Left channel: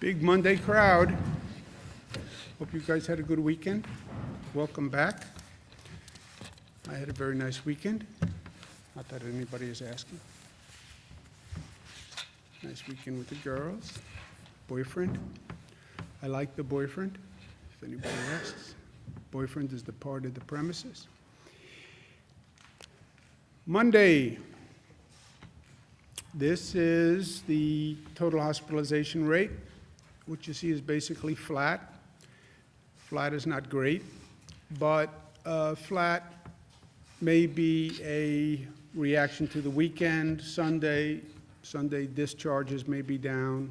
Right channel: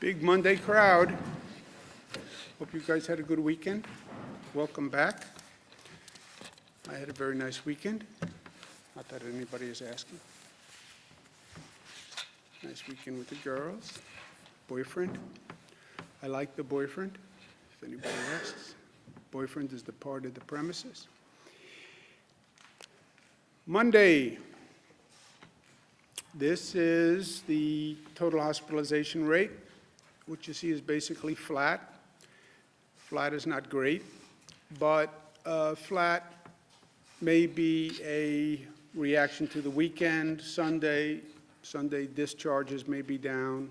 Big Monday crowd. Hope you guys had a good weekend. Welcome back. I had a very nice weekend. Not that anybody is asking. Nice weekend with the girls. Boyfriend. I like the boyfriend, if anybody asks. Boyfriend is the part of the premises. Monday. This is the total hospitalization rate. What you see is basically flat. Flat is not great, but flat may be a reaction to the weekend. Sunday discharges may be down.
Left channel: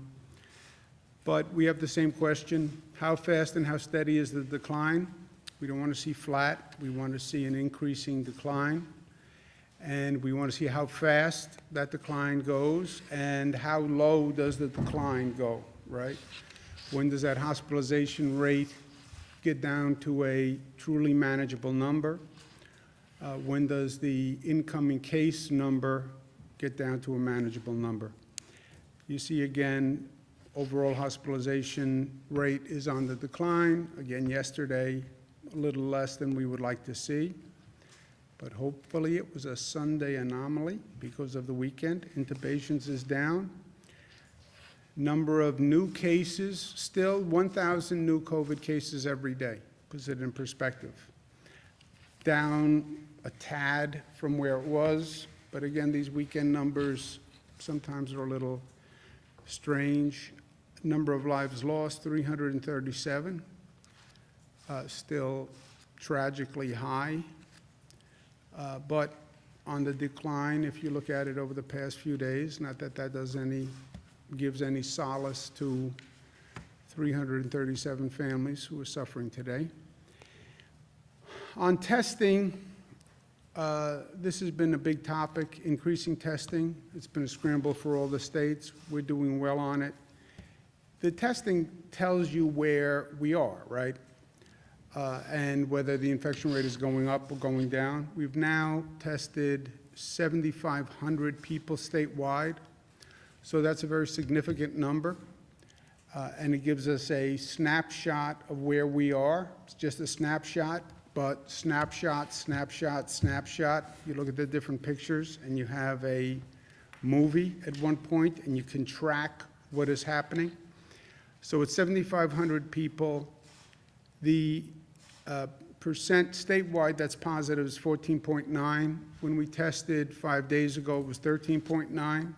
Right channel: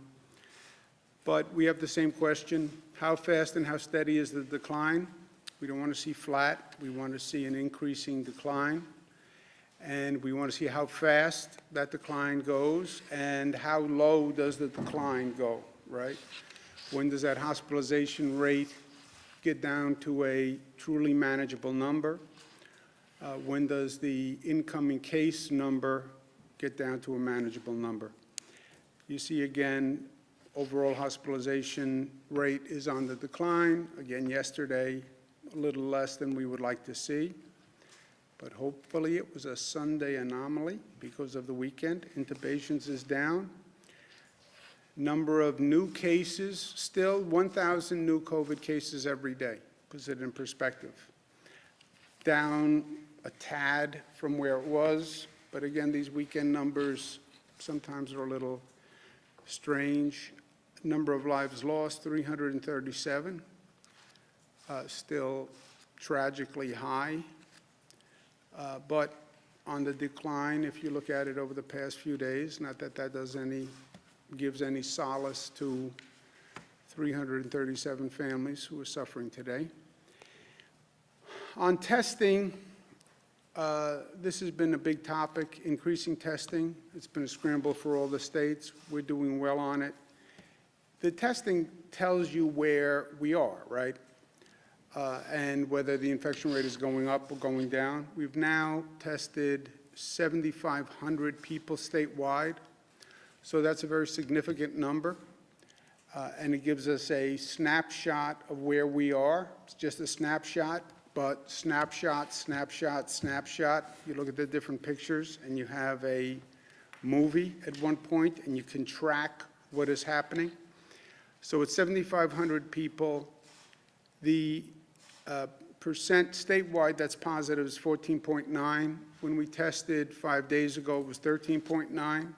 But we have the same question: how fast and how steady is the decline? We don't want to see flat. We want to see an increasing decline. And we want to see how fast that decline goes and how low does the decline go, right? When does that hospitalization rate get down to a truly manageable number? When does the incoming case number get down to a manageable number? You see again, overall hospitalization rate is on the decline. Again, yesterday, a little less than we would like to see. But hopefully it was a Sunday anomaly because of the weekend. Intubations is down. Number of new cases, still 1,000 new COVID cases every day. Puts it in perspective. Down a tad from where it was, but again, these weekend numbers sometimes are a little strange. Number of lives lost, 337. Still tragically high. But on the decline, if you look at it over the past few days, not that that gives any solace to 337 families who are suffering today. On testing, this has been a big topic, increasing testing. It's been a scramble for all the states. We're doing well on it. The testing tells you where we are, right? And whether the infection rate is going up or going down. We've now tested 7,500 people statewide, so that's a very significant number, and it gives us a snapshot of where we are. It's just a snapshot, but snapshot, snapshot, snapshot. You look at the different pictures, and you have a movie at one point, and you can track what is happening. So it's 7,500 people. The percent statewide that's positive is 14.9. When we tested 5 days ago, it was 13.9.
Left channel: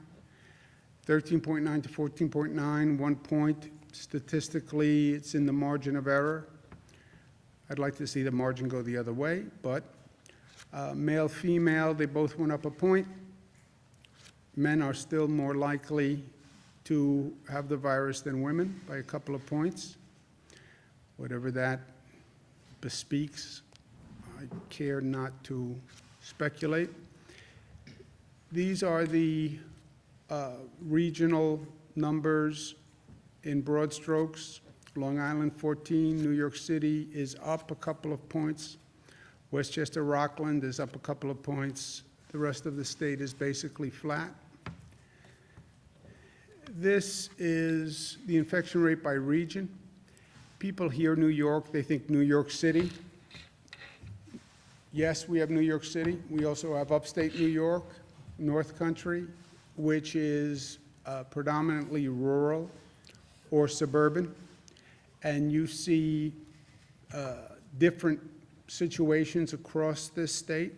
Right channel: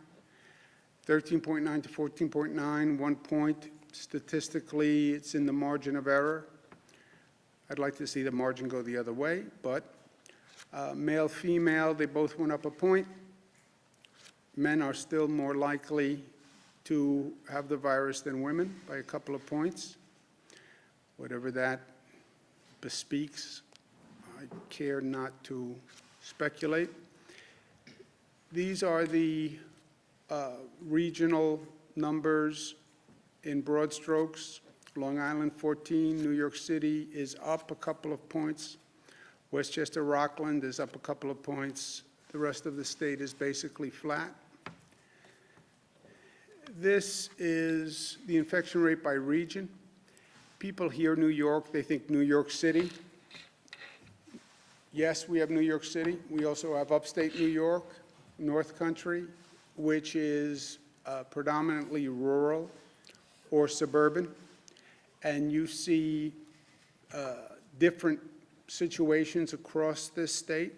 13.9 to 14.9, 1 point. Statistically, it's in the margin of error. I'd like to see the margin go the other way, but male, female, they both went up a point. Men are still more likely to have the virus than women by a couple of points. Whatever that bespeaks, I care not to speculate. These are the regional numbers in broad strokes. Long Island 14, New York City is up a couple of points. Westchester, Rockland is up a couple of points. The rest of the state is basically flat. This is the infection rate by region. People hear New York, they think New York City. Yes, we have New York City. We also have upstate New York, North Country, which is predominantly rural or suburban. And you see different situations across this state.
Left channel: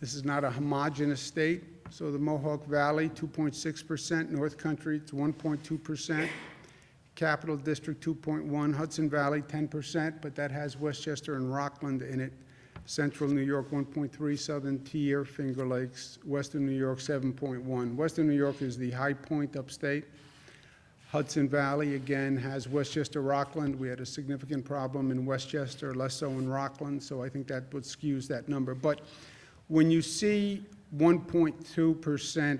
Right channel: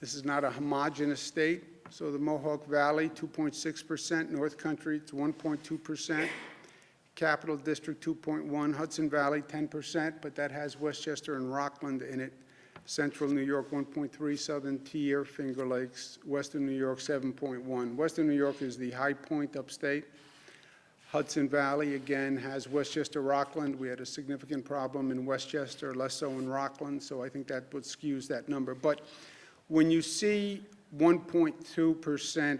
This is not a homogeneous state. So the Mohawk Valley, 2.6%, North Country, it's 1.2%. Capital District 2.1, Hudson Valley 10%, but that has Westchester and Rockland in it. Central New York 1.3, Southern Tier, Finger Lakes, Western New York 7.1. Western New York is the high point upstate. Hudson Valley again has Westchester, Rockland. We had a significant problem in Westchester, less so in Rockland, so I think that would skews that number. But when you see 1.2%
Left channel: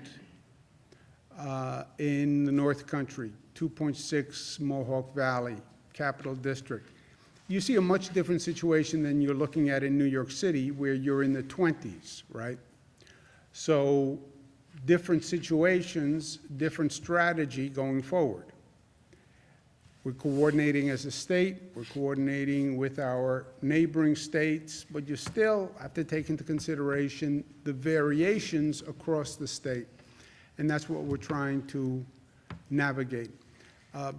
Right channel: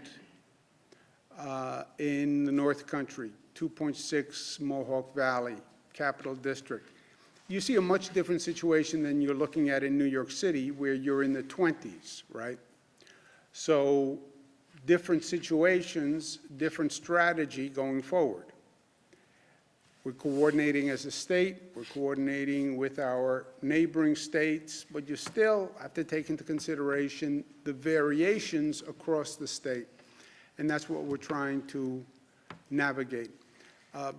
in the North Country, 2.6 Mohawk Valley, Capital District. You see a much different situation than you're looking at in New York City, where you're in the 20s, right? So different situations, different strategy going forward. We're coordinating as a state, we're coordinating with our neighboring states, but you still have to take into consideration the variations across the state. And that's what we're trying to navigate.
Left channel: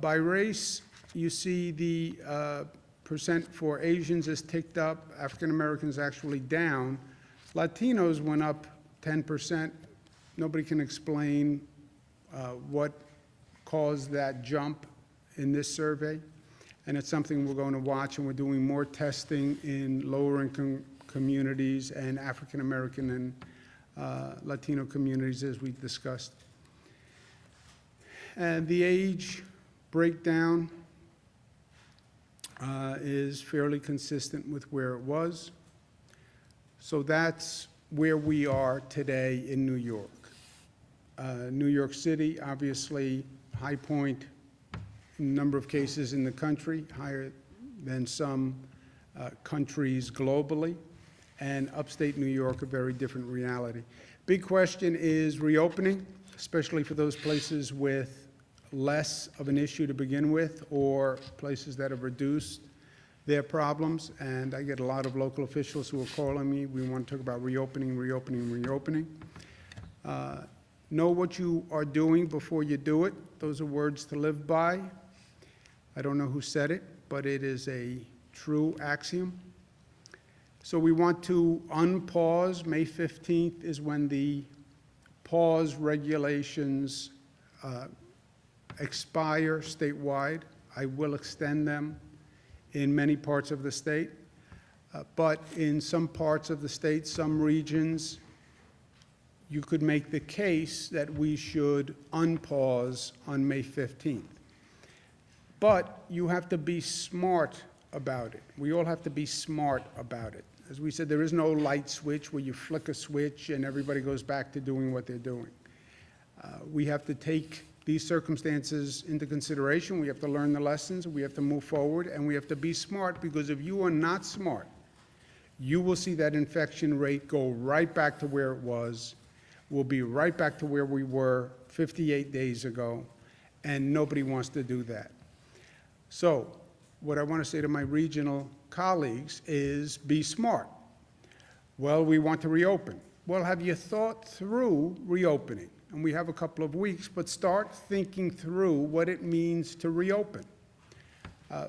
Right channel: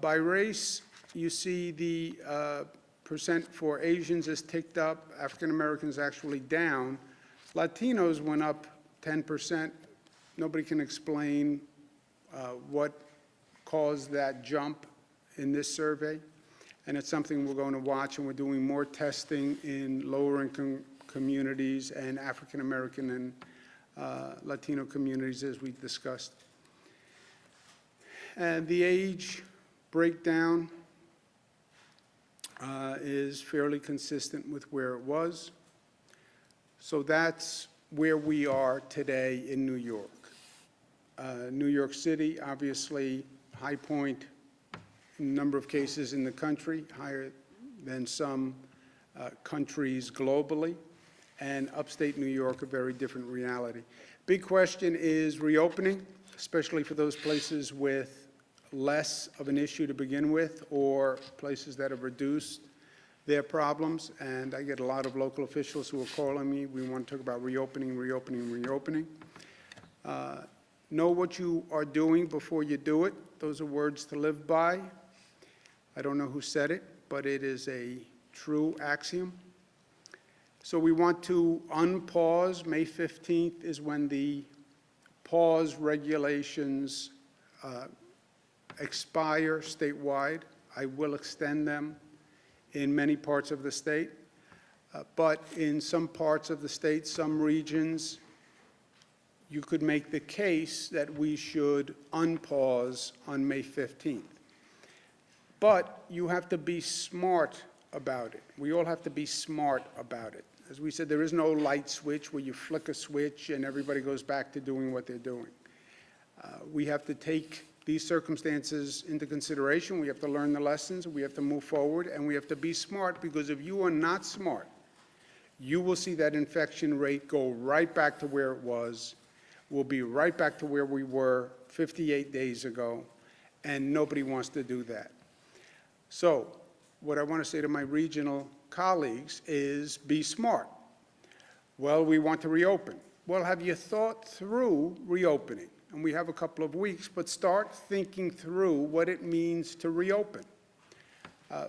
By race, you see the percent for Asians is ticked up, African Americans actually down. Latinos went up 10%. Nobody can explain what caused that jump in this survey, and it's something we're going to watch, and we're doing more testing in lower income communities and African American and Latino communities, as we discussed. And the age breakdown is fairly consistent with where it was. So that's where we are today in New York. New York City, obviously, high point in number of cases in the country, higher than some countries globally, and upstate New York, a very different reality. Big question is reopening, especially for those places with less of an issue to begin with, or places that have reduced their problems. And I get a lot of local officials who are calling me. We want to talk about reopening, reopening, reopening. Know what you are doing before you do it. Those are words to live by. I don't know who said it, but it is a true axiom. So we want to unpause. May 15th is when the pause regulations expire statewide. I will extend them in many parts of the state, but in some parts of the state, some regions, you could make the case that we should unpause on May 15th. But you have to be smart about it. We all have to be smart about it. As we said, there is no light switch where you flick a switch and everybody goes back to doing what they're doing. We have to take these circumstances into consideration. We have to learn the lessons. We have to move forward, and we have to be smart, because if you are not smart, you will see that infection rate go right back to where it was. We'll be right back to where we were 58 days ago, and nobody wants to do that. So what I want to say to my regional colleagues is be smart. Well, we want to reopen. Well, have you thought through reopening? And we have a couple of weeks, but start thinking through what it means to reopen.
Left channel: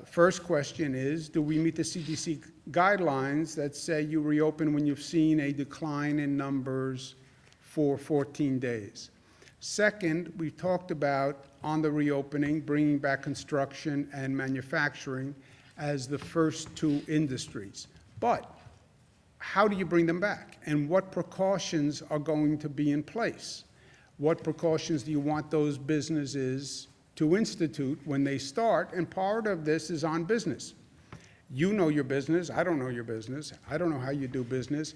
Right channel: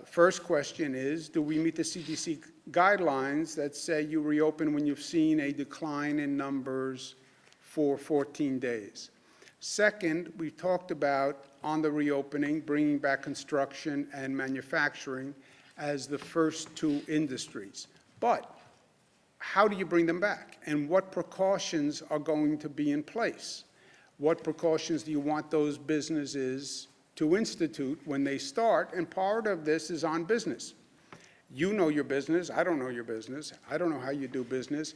First question is, do we meet the CDC guidelines that say you reopen when you've seen a decline in numbers for 14 days? Second, we talked about, on the reopening, bringing back construction and manufacturing as the first two industries. But how do you bring them back? And what precautions are going to be in place? What precautions do you want those businesses to institute when they start? And part of this is on business. You know your business. I don't know your business. I don't know how you do business.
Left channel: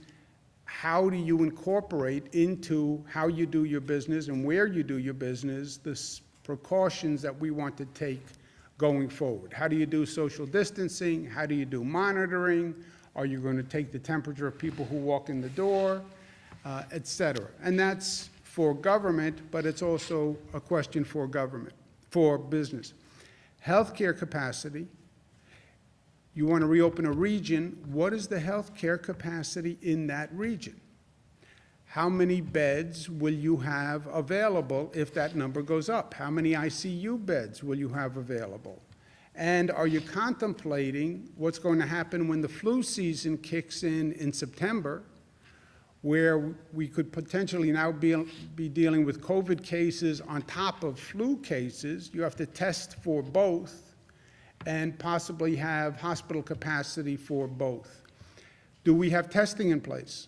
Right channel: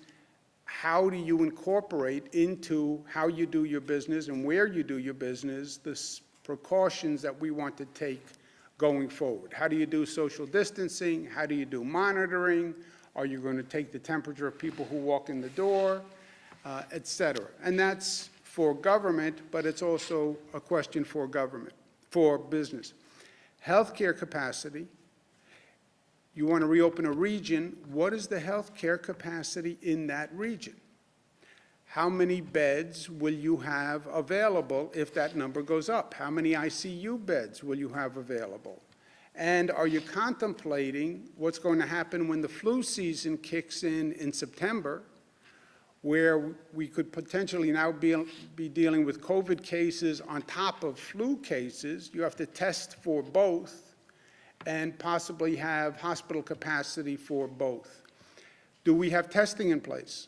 How do you incorporate into how you do your business and where you do your business the precautions that we want to take going forward? How do you do social distancing? How do you do monitoring? Are you going to take the temperature of people who walk in the door, et cetera? And that's for government, but it's also a question for government, for business. Healthcare capacity. You want to reopen a region. What is the healthcare capacity in that region? How many beds will you have available if that number goes up? How many ICU beds will you have available? And are you contemplating what's going to happen when the flu season kicks in September, where we could potentially now be dealing with COVID cases on top of flu cases? You have to test for both and possibly have hospital capacity for both. Do we have testing in place?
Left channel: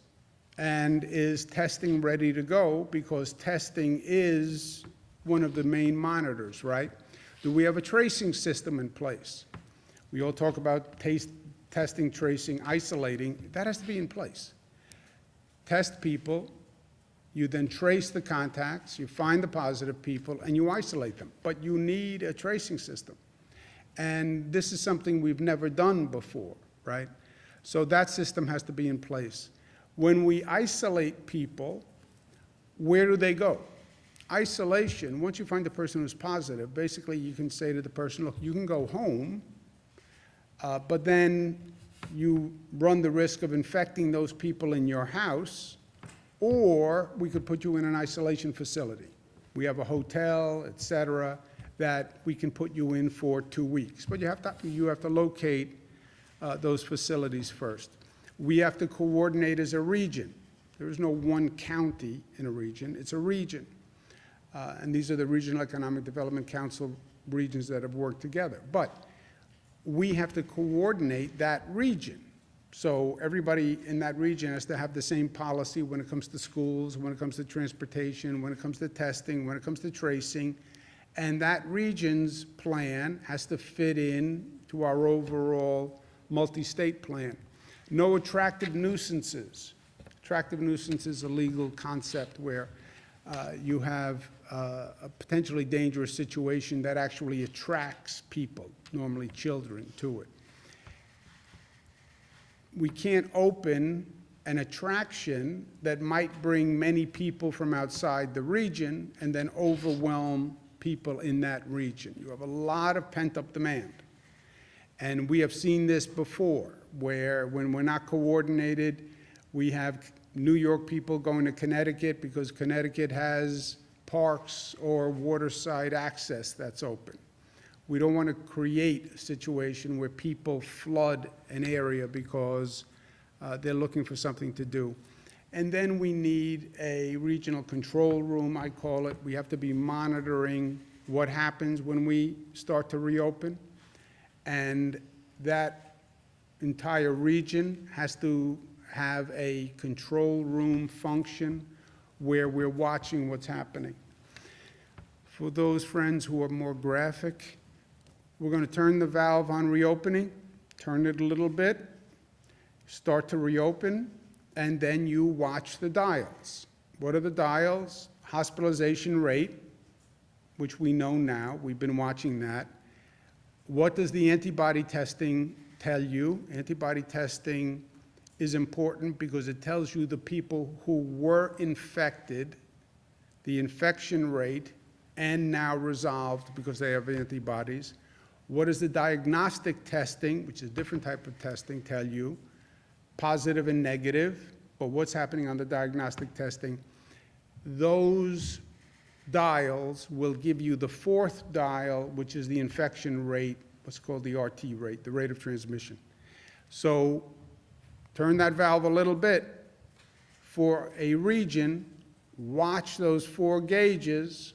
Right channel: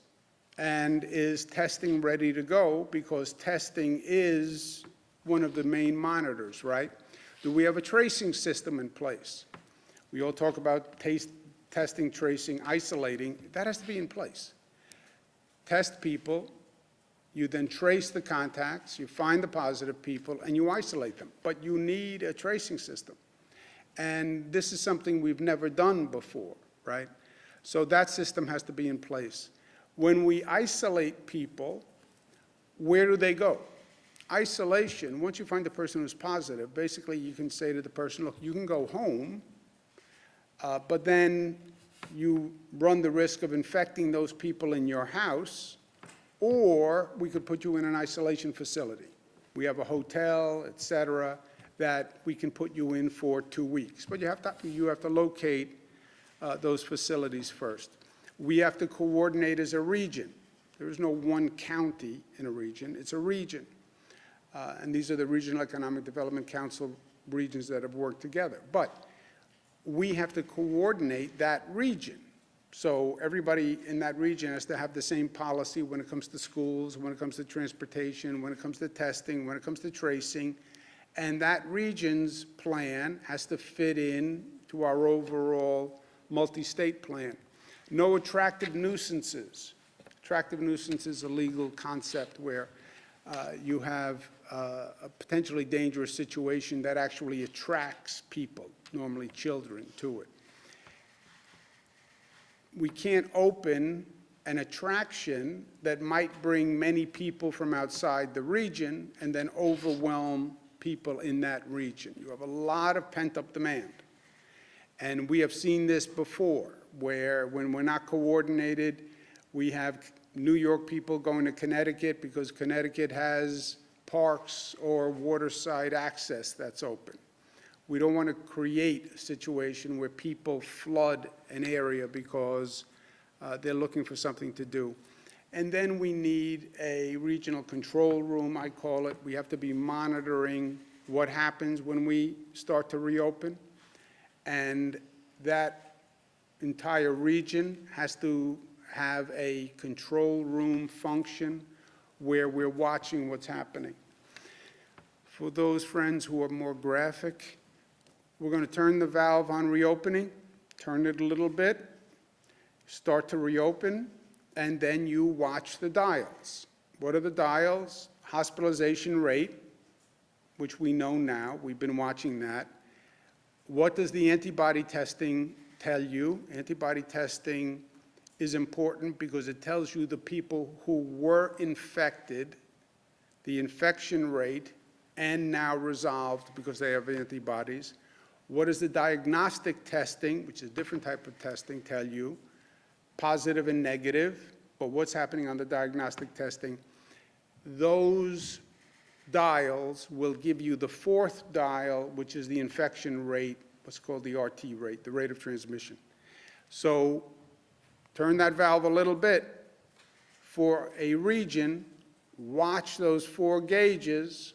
And is testing ready to go? Because testing is one of the main monitors, right? Do we have a tracing system in place? We all talk about testing, tracing, isolating. That has to be in place. Test people, you then trace the contacts, you find the positive people, and you isolate them. But you need a tracing system. And this is something we've never done before, right? So that system has to be in place. When we isolate people, where do they go? Isolation, once you find the person who's positive, basically you can say to the person, look, you can go home, but then you run the risk of infecting those people in your house, or we could put you in an isolation facility. We have a hotel, et cetera, that we can put you in for 2 weeks. But you have to locate those facilities first. We have to coordinate as a region. There is no one county in a region, it's a region. And these are the Regional Economic Development Council regions that have worked together. But we have to coordinate that region. So everybody in that region has to have the same policy when it comes to schools, when it comes to transportation, when it comes to testing, when it comes to tracing. And that region's plan has to fit in to our overall multi-state plan. No attractive nuisances. Attractive nuisance is a legal concept where you have a potentially dangerous situation that actually attracts people, normally children, to it. We can't open an attraction that might bring many people from outside the region and then overwhelm people in that region. You have a lot of pent-up demand. And we have seen this before, where when we're not coordinated, we have New York people going to Connecticut because Connecticut has parks or waterside access that's open. We don't want to create a situation where people flood an area because they're looking for something to do. And then we need a regional control room, I call it. We have to be monitoring what happens when we start to reopen. And that entire region has to have a control room function where we're watching what's happening. For those friends who are more graphic, we're going to turn the valve on reopening, turn it a little bit, start to reopen, and then you watch the dials. What are the dials? Hospitalization rate, which we know now, we've been watching that. What does the antibody testing tell you? Antibody testing is important because it tells you the people who were infected, the infection rate, and now resolved because they have antibodies. What does the diagnostic testing, which is a different type of testing, tell you? Positive and negative, but what's happening on the diagnostic testing? Those dials will give you the fourth dial, which is the infection rate, what's called the RT rate, the rate of transmission. So turn that valve a little bit. For a region, watch those 4 gauges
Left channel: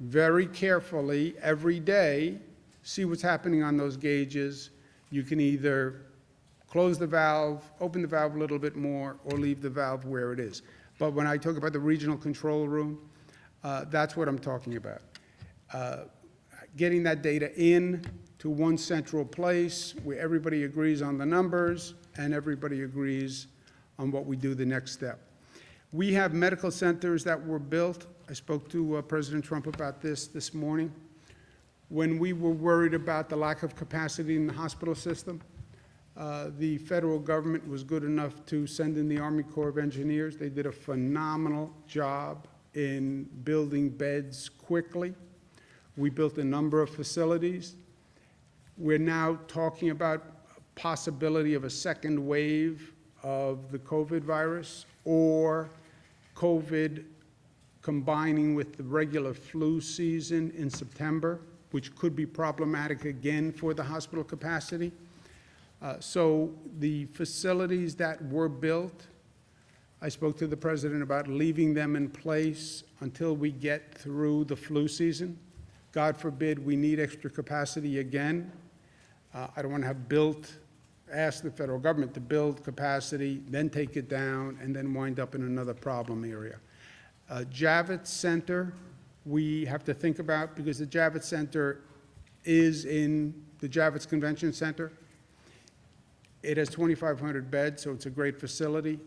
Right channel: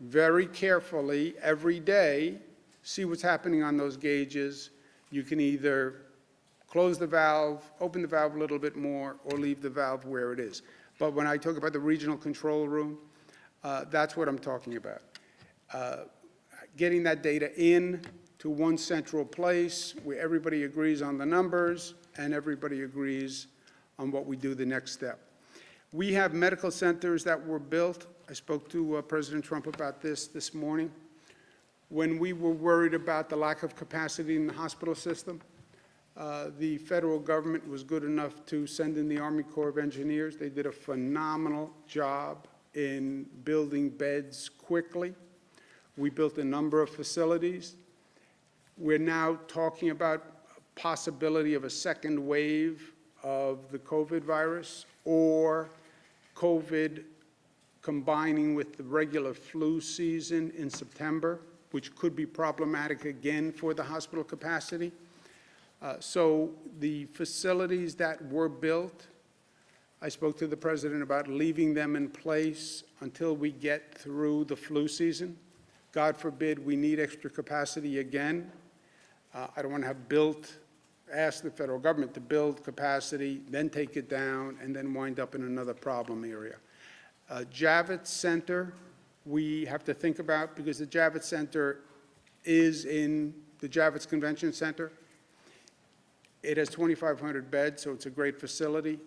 very carefully every day, see what's happening on those gauges. You can either close the valve, open the valve a little bit more, or leave the valve where it is. But when I talk about the regional control room, that's what I'm talking about. Getting that data in to one central place where everybody agrees on the numbers and everybody agrees on what we do the next step. We have medical centers that were built. I spoke to President Trump about this morning. When we were worried about the lack of capacity in the hospital system, the federal government was good enough to send in the Army Corps of Engineers. They did a phenomenal job in building beds quickly. We built a number of facilities. We're now talking about a possibility of a second wave of the COVID virus, or COVID combining with the regular flu season in September, which could be problematic again for the hospital capacity. So the facilities that were built, I spoke to the president about leaving them in place until we get through the flu season. God forbid we need extra capacity again. I don't want to have ask the federal government to build capacity, then take it down, and then wind up in another problem area. Javits Center, we have to think about, because the Javits Center is in the Javits Convention Center. It has 2,500 beds, so it's a great facility,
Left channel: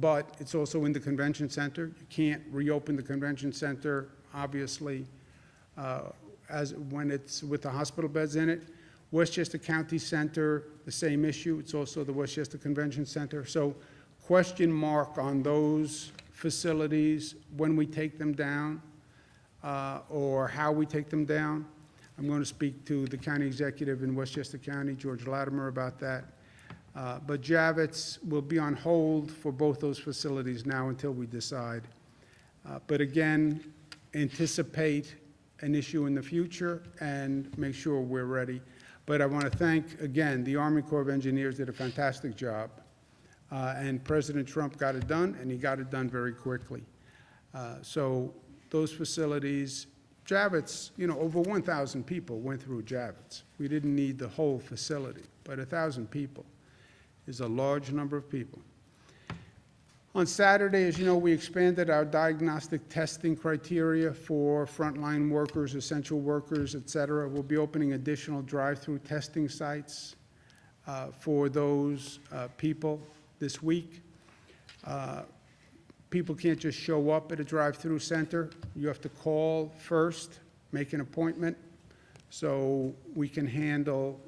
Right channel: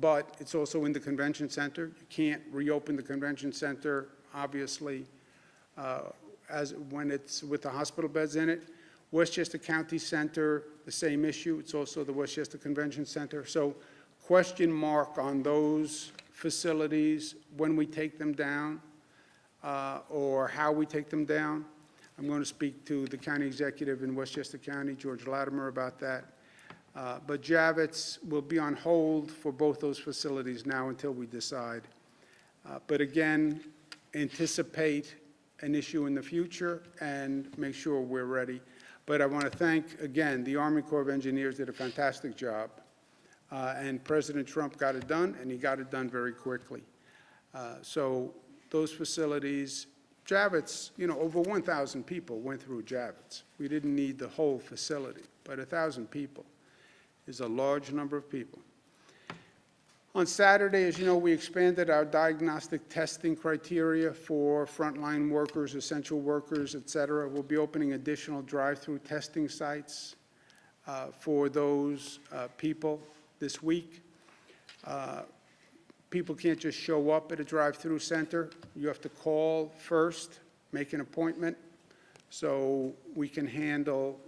but it's also in the convention center. You can't reopen the convention center, obviously, when it's with the hospital beds in it. Westchester County Center, the same issue. It's also the Westchester Convention Center. So question mark on those facilities when we take them down. or how we take them down. I'm going to speak to the county executive in Westchester County, George Latimer, about that. But Javits will be on hold for both those facilities now until we decide. But again, anticipate an issue in the future and make sure we're ready. But I want to thank, again, the Army Corps of Engineers did a fantastic job. And President Trump got it done, and he got it done very quickly. So those facilities, Javits, over 1,000 people went through Javits. We didn't need the whole facility, but 1,000 people is a large number of people. On Saturday, as you know, we expanded our diagnostic testing criteria for frontline workers, essential workers, et cetera. We'll be opening additional drive-through testing sites for those people this week. People can't just show up at a drive-through center. You have to call first, make an appointment, so we can handle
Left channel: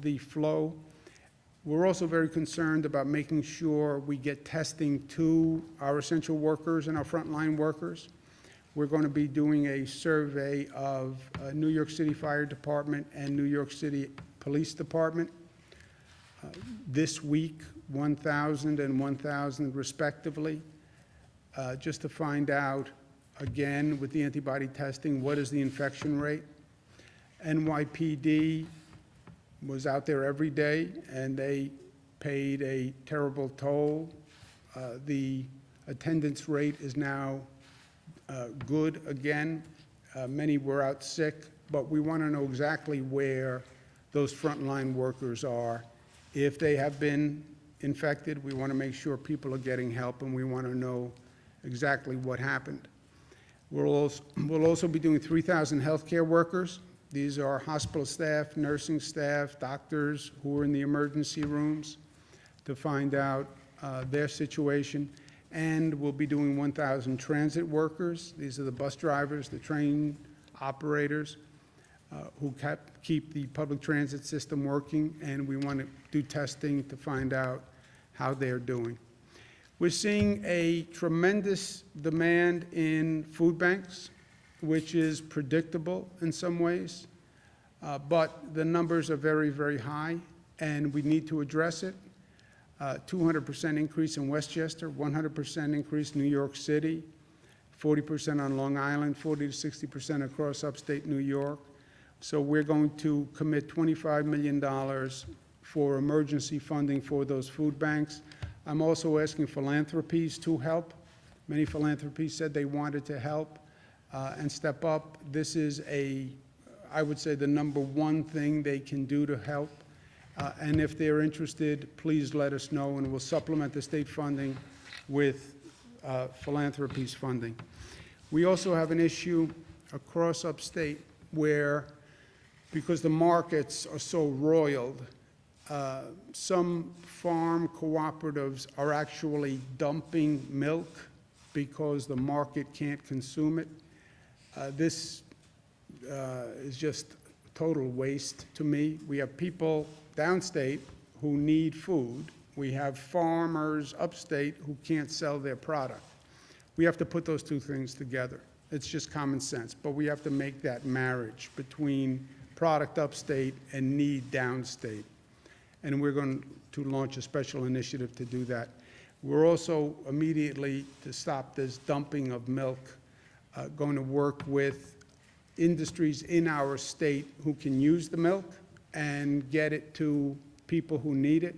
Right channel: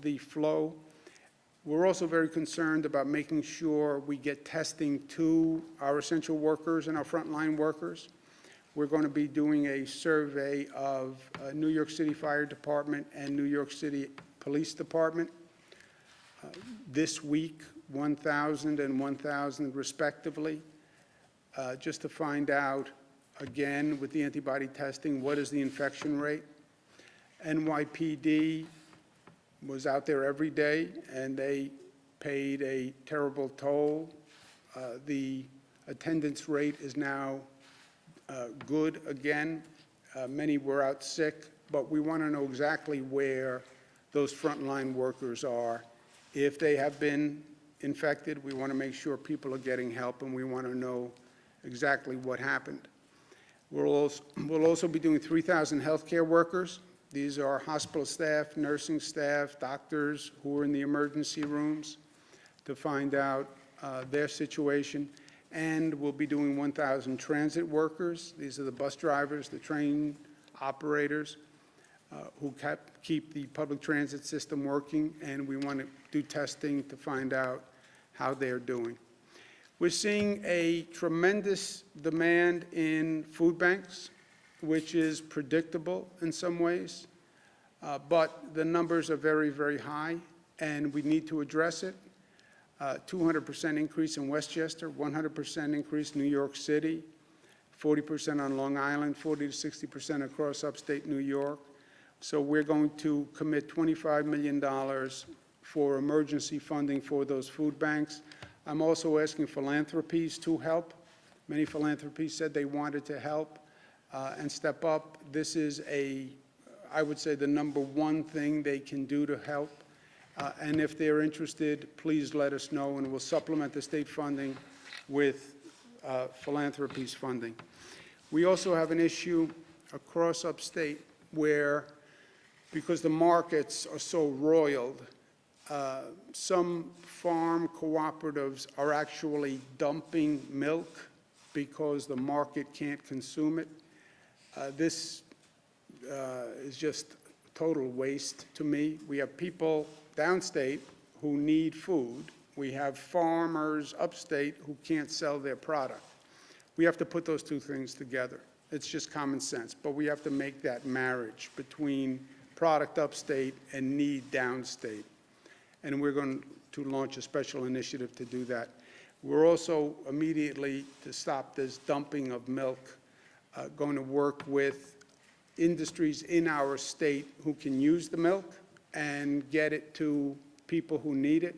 the flow. We're also very concerned about making sure we get testing to our essential workers and our frontline workers. We're going to be doing a survey of New York City Fire Department and New York City Police Department this week, 1,000 and 1,000 respectively, just to find out, again, with the antibody testing, what is the infection rate. NYPD was out there every day, and they paid a terrible toll. The attendance rate is now good again. Many were out sick, but we want to know exactly where those frontline workers are. If they have been infected, we want to make sure people are getting help, and we want to know exactly what happened. We'll also be doing 3,000 healthcare workers. These are hospital staff, nursing staff, doctors who are in the emergency rooms to find out their situation. And we'll be doing 1,000 transit workers. These are the bus drivers, the train operators who keep the public transit system working, and we want to do testing to find out how they're doing. We're seeing a tremendous demand in food banks, which is predictable in some ways, but the numbers are very, very high, and we need to address it. 200% increase in Westchester, 100% increase in New York City, 40% on Long Island, 40 to 60% across upstate New York. So we're going to commit $25 million for emergency funding for those food banks. I'm also asking philanthropies to help. Many philanthropies said they wanted to help and step up. This is I would say, the #1 thing they can do to help. And if they're interested, please let us know, and we'll supplement the state funding with philanthropies funding. We also have an issue across upstate where, because the markets are so roiled, some farm cooperatives are actually dumping milk because the market can't consume it. This is just total waste to me. We have people downstate who need food. We have farmers upstate who can't sell their product. We have to put those two things together. It's just common sense, but we have to make that marriage between product upstate and need downstate. And we're going to launch a special initiative to do that. We're also immediately, to stop this dumping of milk, going to work with industries in our state who can use the milk and get it to people who need it.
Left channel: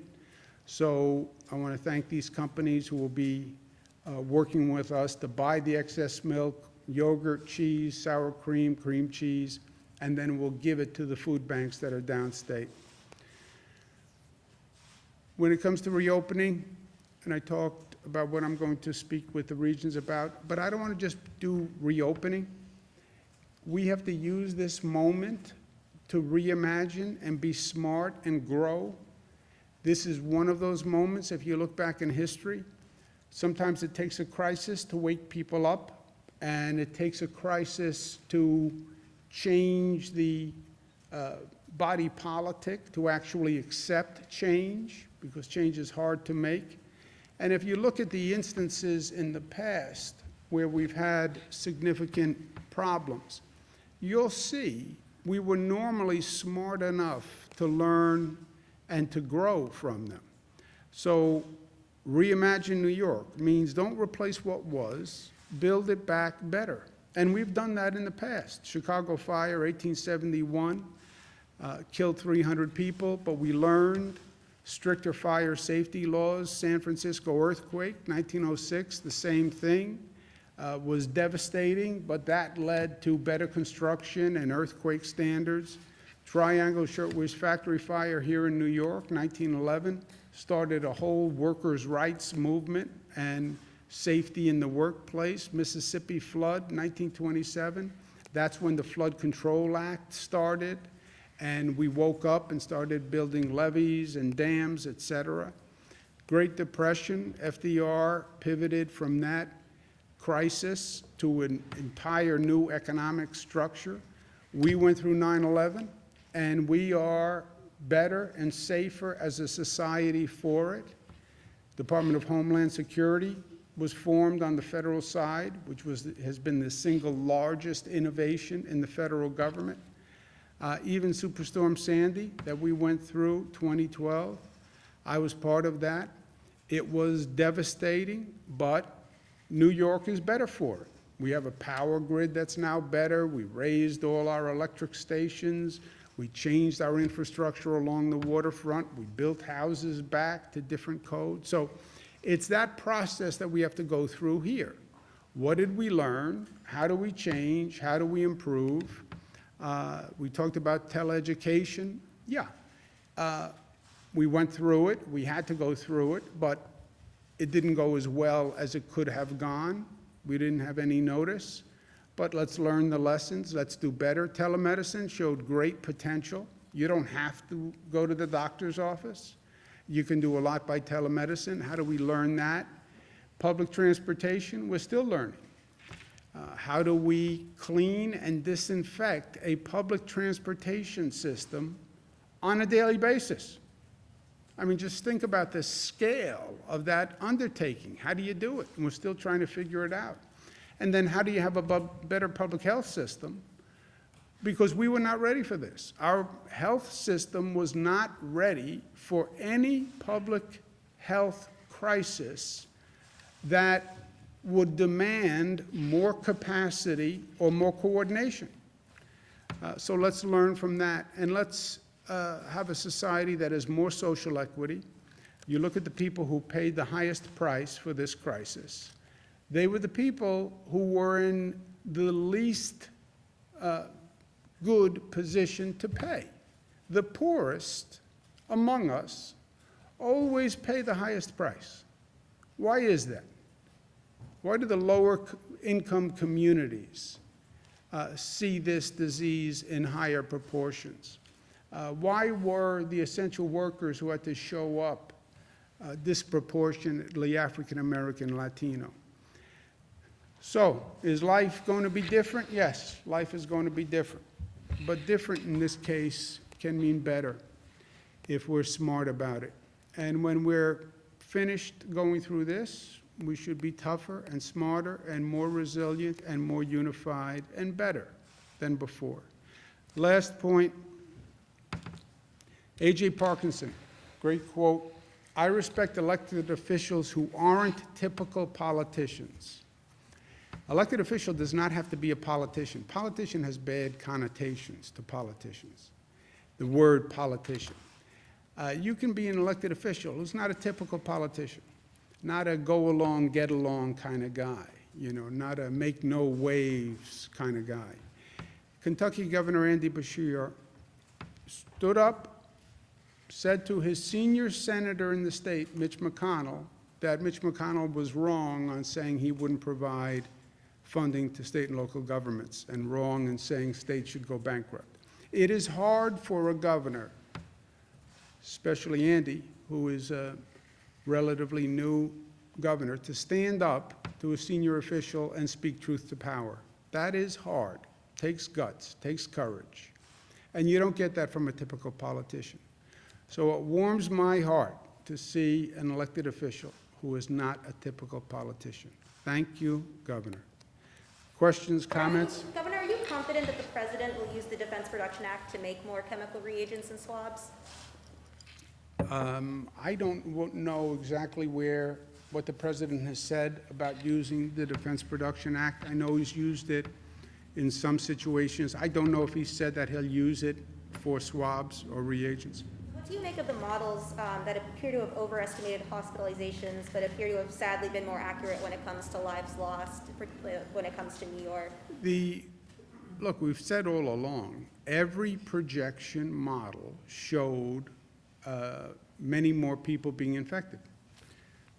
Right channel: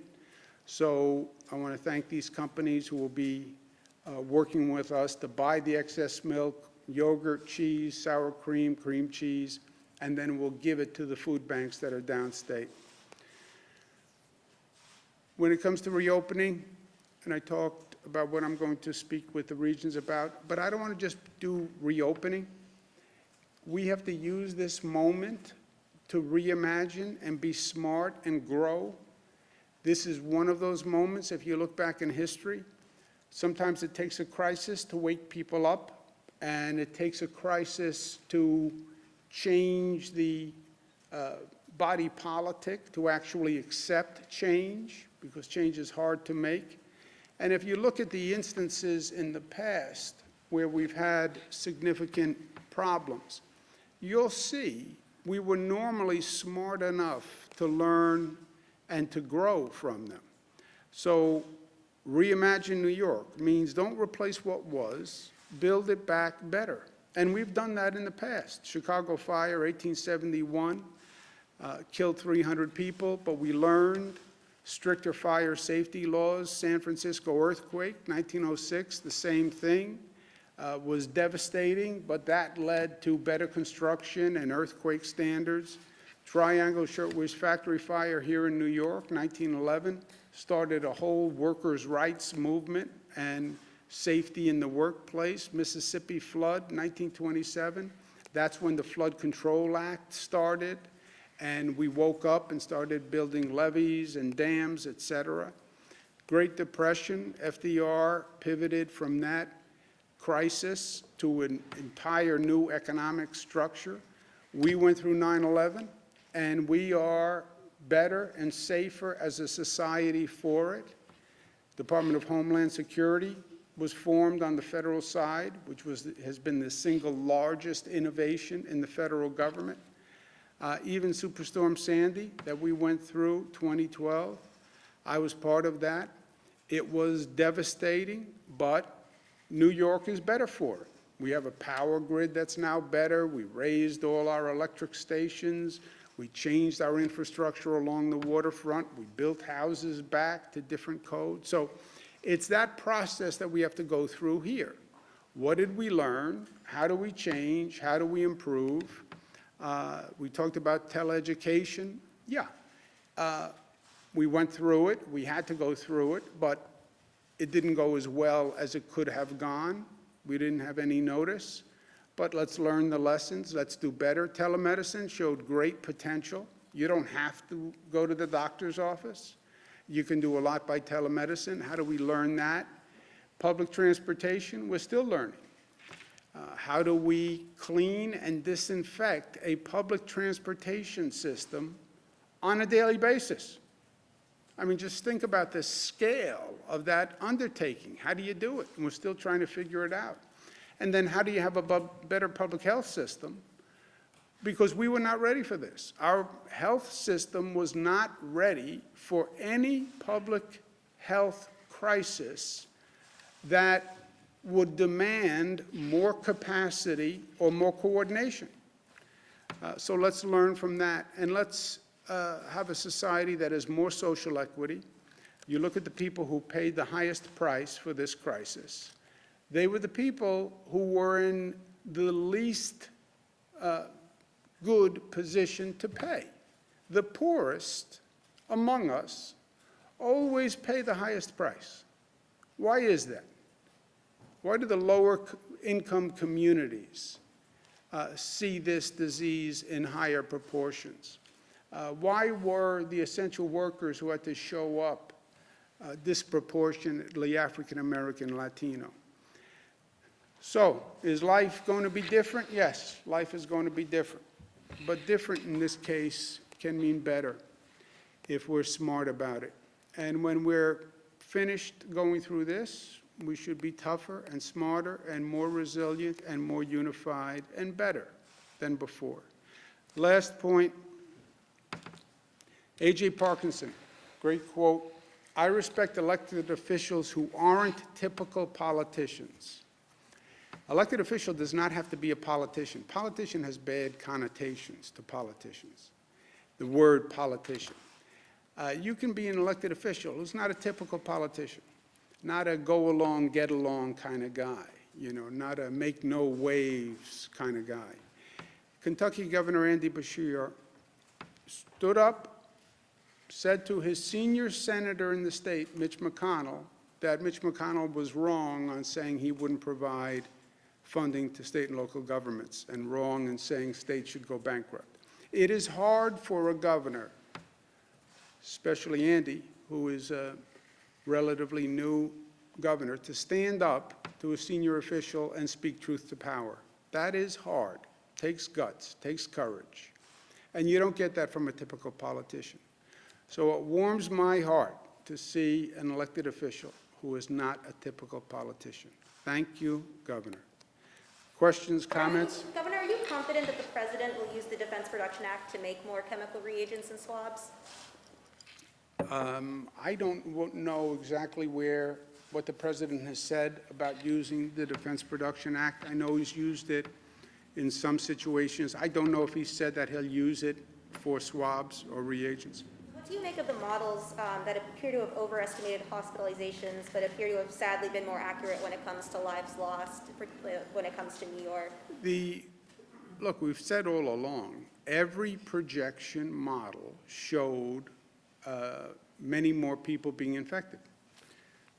So I want to thank these companies who will be working with us to buy the excess milk, yogurt, cheese, sour cream, cream cheese, and then we'll give it to the food banks that are downstate. When it comes to reopening, and I talked about what I'm going to speak with the regions about, but I don't want to just do reopening. We have to use this moment to reimagine and be smart and grow. This is one of those moments, if you look back in history, sometimes it takes a crisis to wake people up, and it takes a crisis to change the body politic to actually accept change, because change is hard to make. And if you look at the instances in the past where we've had significant problems, you'll see we were normally smart enough to learn and to grow from them. So reimagine New York means don't replace what was, build it back better. And we've done that in the past. Chicago fire, 1871, killed 300 people, but we learned stricter fire safety laws. San Francisco earthquake, 1906, the same thing. Was devastating, but that led to better construction and earthquake standards. Triangle Shirtwaist Factory fire here in New York, 1911, started a whole workers' rights movement and safety in the workplace. Mississippi flood, 1927, that's when the Flood Control Act started, and we woke up and started building levees and dams, et cetera. Great Depression, FDR pivoted from that crisis to an entire new economic structure. We went through 9/11, and we are better and safer as a society for it. Department of Homeland Security was formed on the federal side, which has been the single largest innovation in the federal government. Even Superstorm Sandy that we went through 2012, I was part of that. It was devastating, but New York is better for it. We have a power grid that's now better. We raised all our electric stations. We changed our infrastructure along the waterfront. We built houses back to different codes. So it's that process that we have to go through here. What did we learn? How do we change? How do we improve? We talked about teleeducation. Yeah, we went through it. We had to go through it, but it didn't go as well as it could have gone. We didn't have any notice, but let's learn the lessons. Let's do better. Telemedicine showed great potential. You don't have to go to the doctor's office. You can do a lot by telemedicine. How do we learn that? Public transportation, we're still learning. How do we clean and disinfect a public transportation system on a daily basis? I mean, just think about the scale of that undertaking. How do you do it? And we're still trying to figure it out. And then how do you have a better public health system? Because we were not ready for this. Our health system was not ready for any public health crisis that would demand more capacity or more coordination. So let's learn from that, and let's have a society that has more social equity. You look at the people who paid the highest price for this crisis. They were the people who were in the least good position to pay. The poorest among us always pay the highest price. Why is that? Why do the lower income communities see this disease in higher proportions? Why were the essential workers who had to show up disproportionately African American, Latino? So, is life going to be different? Yes, life is going to be different. But different in this case can mean better if we're smart about it. And when we're finished going through this, we should be tougher and smarter and more resilient and more unified and better than before. Last point, A.J. Parkinson, great quote, "I respect elected officials who aren't typical politicians." Elected official does not have to be a politician. Politician has bad connotations to politicians, the word politician. You can be an elected official who's not a typical politician, not a go-along, get-along kind of guy, you know, not a make-no-waves kind of guy. Kentucky Governor Andy Beshear stood up, said to his senior senator in the state, Mitch McConnell, that Mitch McConnell was wrong on saying he wouldn't provide funding to state and local governments, and wrong in saying states should go bankrupt. It is hard for a governor, especially Andy, who is a relatively new governor, to stand up to a senior official and speak truth to power. That is hard. Takes guts, takes courage. And you don't get that from a typical politician. So it warms my heart to see an elected official who is not a typical politician. Thank you, Governor. Questions, comments? Governor, are you confident that the president will use the Defense Production Act to make more chemical reagents and swabs? I don't know exactly what the president has said about using the Defense Production Act. I know he's used it in some situations. I don't know if he said that he'll use it for swabs or reagents. What do you make of the models that appear to have overestimated hospitalizations, but appear to have sadly been more accurate when it comes to lives lost, particularly when it comes to New York? Look, we've said all along, every projection model showed many more people being infected.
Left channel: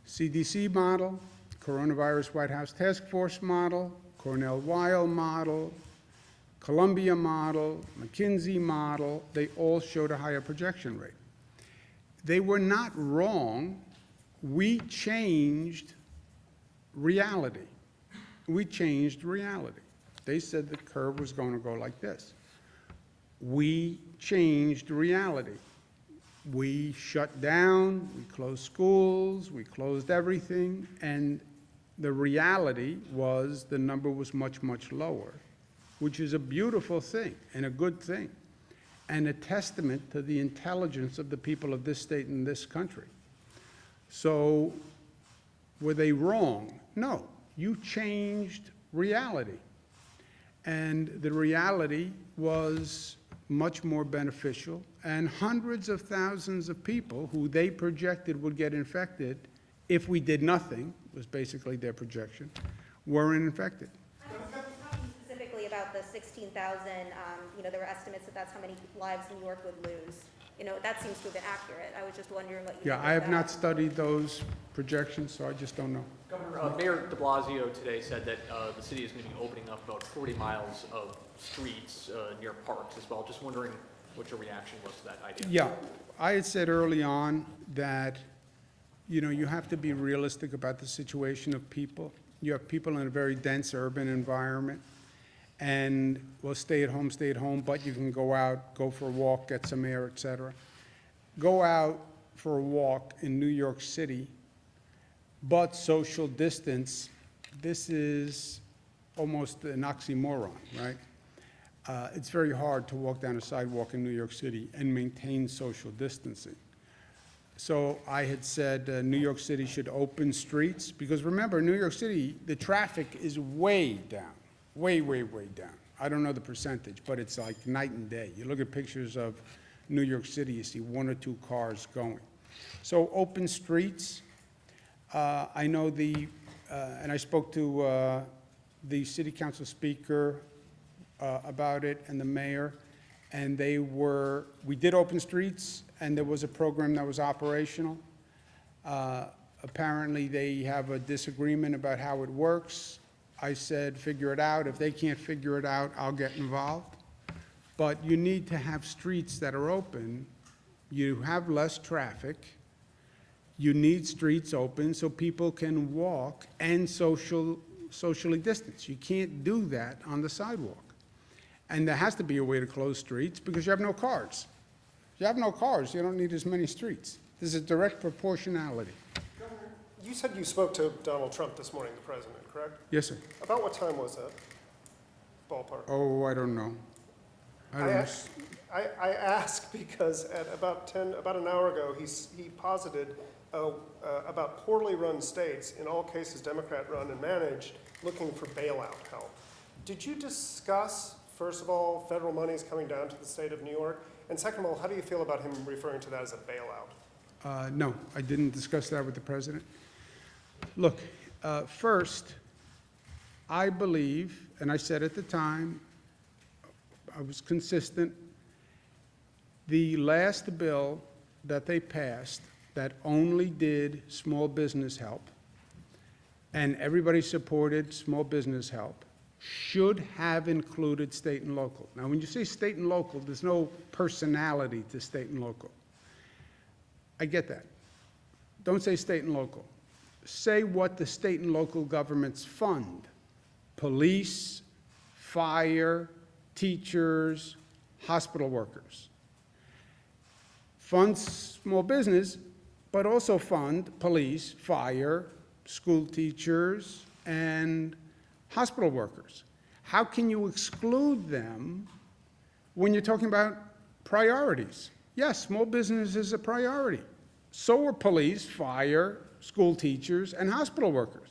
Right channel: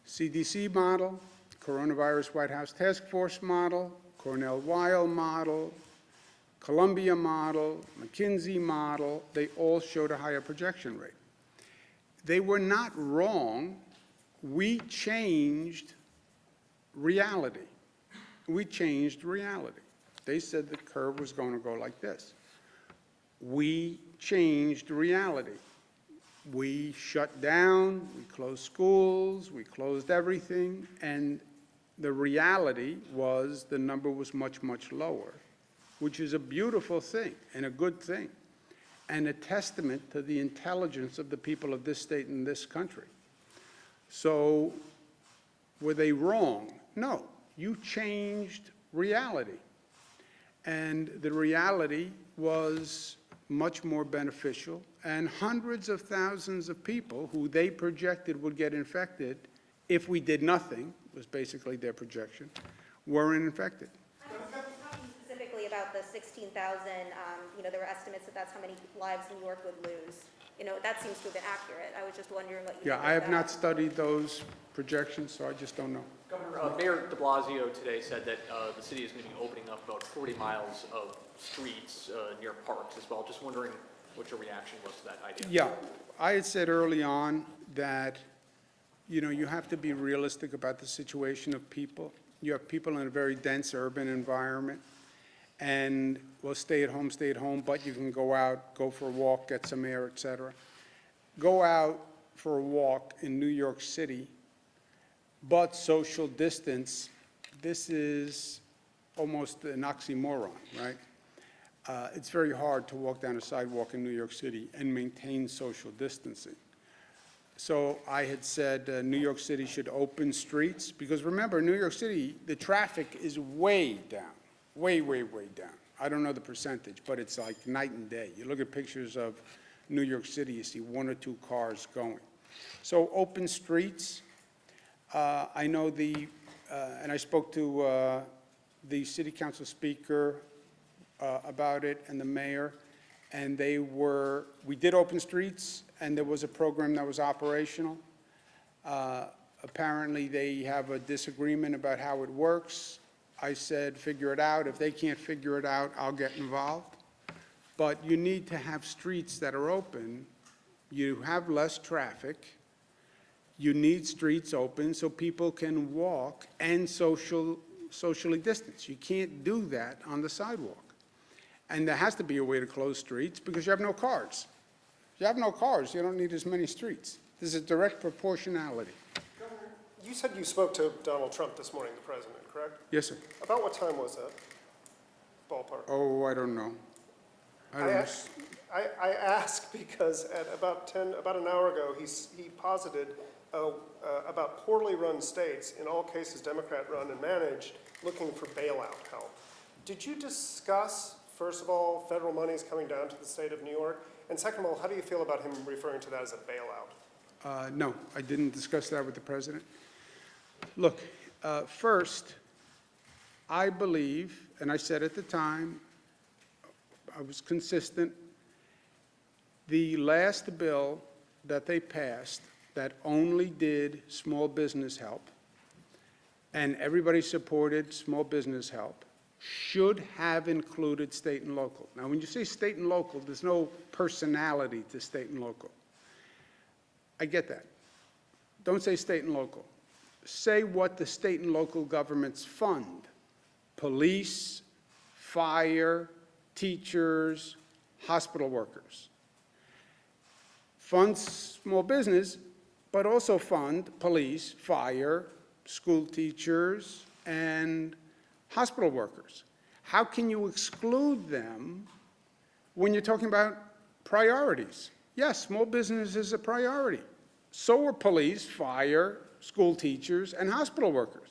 CDC model, Coronavirus White House Task Force model, Cornell-Weill model, Columbia model, McKinsey model, they all showed a higher projection rate. They were not wrong. We changed reality. We changed reality. They said the curve was going to go like this. We changed reality. We shut down, we closed schools, we closed everything, and the reality was the number was much, much lower, which is a beautiful thing and a good thing, and a testament to the intelligence of the people of this state and this country. So, were they wrong? No, you changed reality. And the reality was much more beneficial, and hundreds of thousands of people who they projected would get infected if we did nothing, was basically their projection, weren't infected. I'm talking specifically about the 16,000, there were estimates that that's how many lives New York would lose. That seems to have been accurate. I was just wondering what you think Yeah, of I have that. not studied those projections, so I just don't know. Governor, Mayor de Blasio today said that the city is going to be opening up about 40 miles of streets near parks as well. Just wondering what your reaction was to that idea. Yeah, I had said early on that, you have to be realistic about the situation of people. You have people in a very dense urban environment, and well, stay at home, but you can go out, go for a walk, get some air, et cetera. Go out for a walk in New York City, but social distance, this is almost an oxymoron, right? It's very hard to walk down a sidewalk in New York City and maintain social distancing. So I had said New York City should open streets, because remember, New York City, the traffic is way down, way, way, way down. I don't know the percentage, but it's like night and day. You look at pictures of New York City, you see 1 or 2 cars going. So open streets. I know and I spoke to the city council speaker about it and the mayor, and we did open streets, and there was a program that was operational. Apparently they have a disagreement about how it works. I said, figure it out. If they can't figure it out, I'll get involved. But you need to have streets that are open. You have less traffic. You need streets open so people can walk and socially distance. You can't do that on the sidewalk. And there has to be a way to close streets because you have no cars. If you have no cars, you don't need as many streets. There's a direct proportionality. Governor, you said you spoke to Donald Trump this morning, the president, correct? Yes, sir. About what time was that? Ballpark. Oh, I don't know. I ask because at about an hour ago, he posited about poorly run states, in all cases Democrat-run and managed, looking for bailout help. Did you discuss, first of all, federal monies coming down to the state of New York? And second of all, how do you feel about him referring to that as a bailout? No, I didn't discuss that with the president. Look, first, I believe, and I said at the time, I was consistent, the last bill that they passed that only did small business help, and everybody supported small business help, should have included state and local. Now, when you say state and local, there's no personality to state and local. I get that. Don't say state and local. Say what the state and local governments fund: police, fire, teachers, hospital workers. Fund small business, but also fund police, fire, school teachers, and hospital workers. how can you exclude them when you're talking about priorities? Yes, small business is a priority. So are police, fire, school teachers, and hospital workers.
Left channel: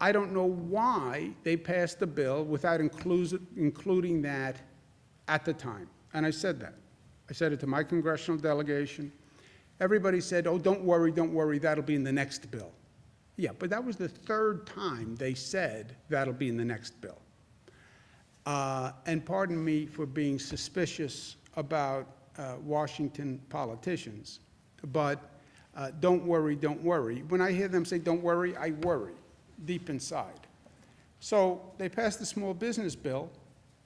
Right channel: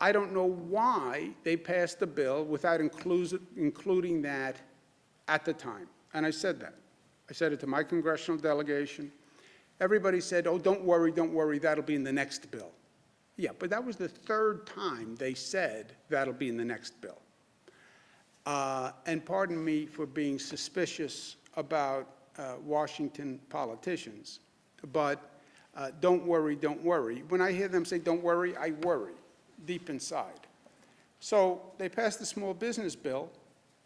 I don't know why they passed the bill without including that at the time. And I said that. I said it to my congressional delegation. Everybody said, oh, don't worry, that'll be in the next bill. Yeah, but that was the third time they said that'll be in the next bill. And pardon me for being suspicious about Washington politicians, but don't worry. When I hear them say don't worry, I worry deep inside. So they passed the small business bill.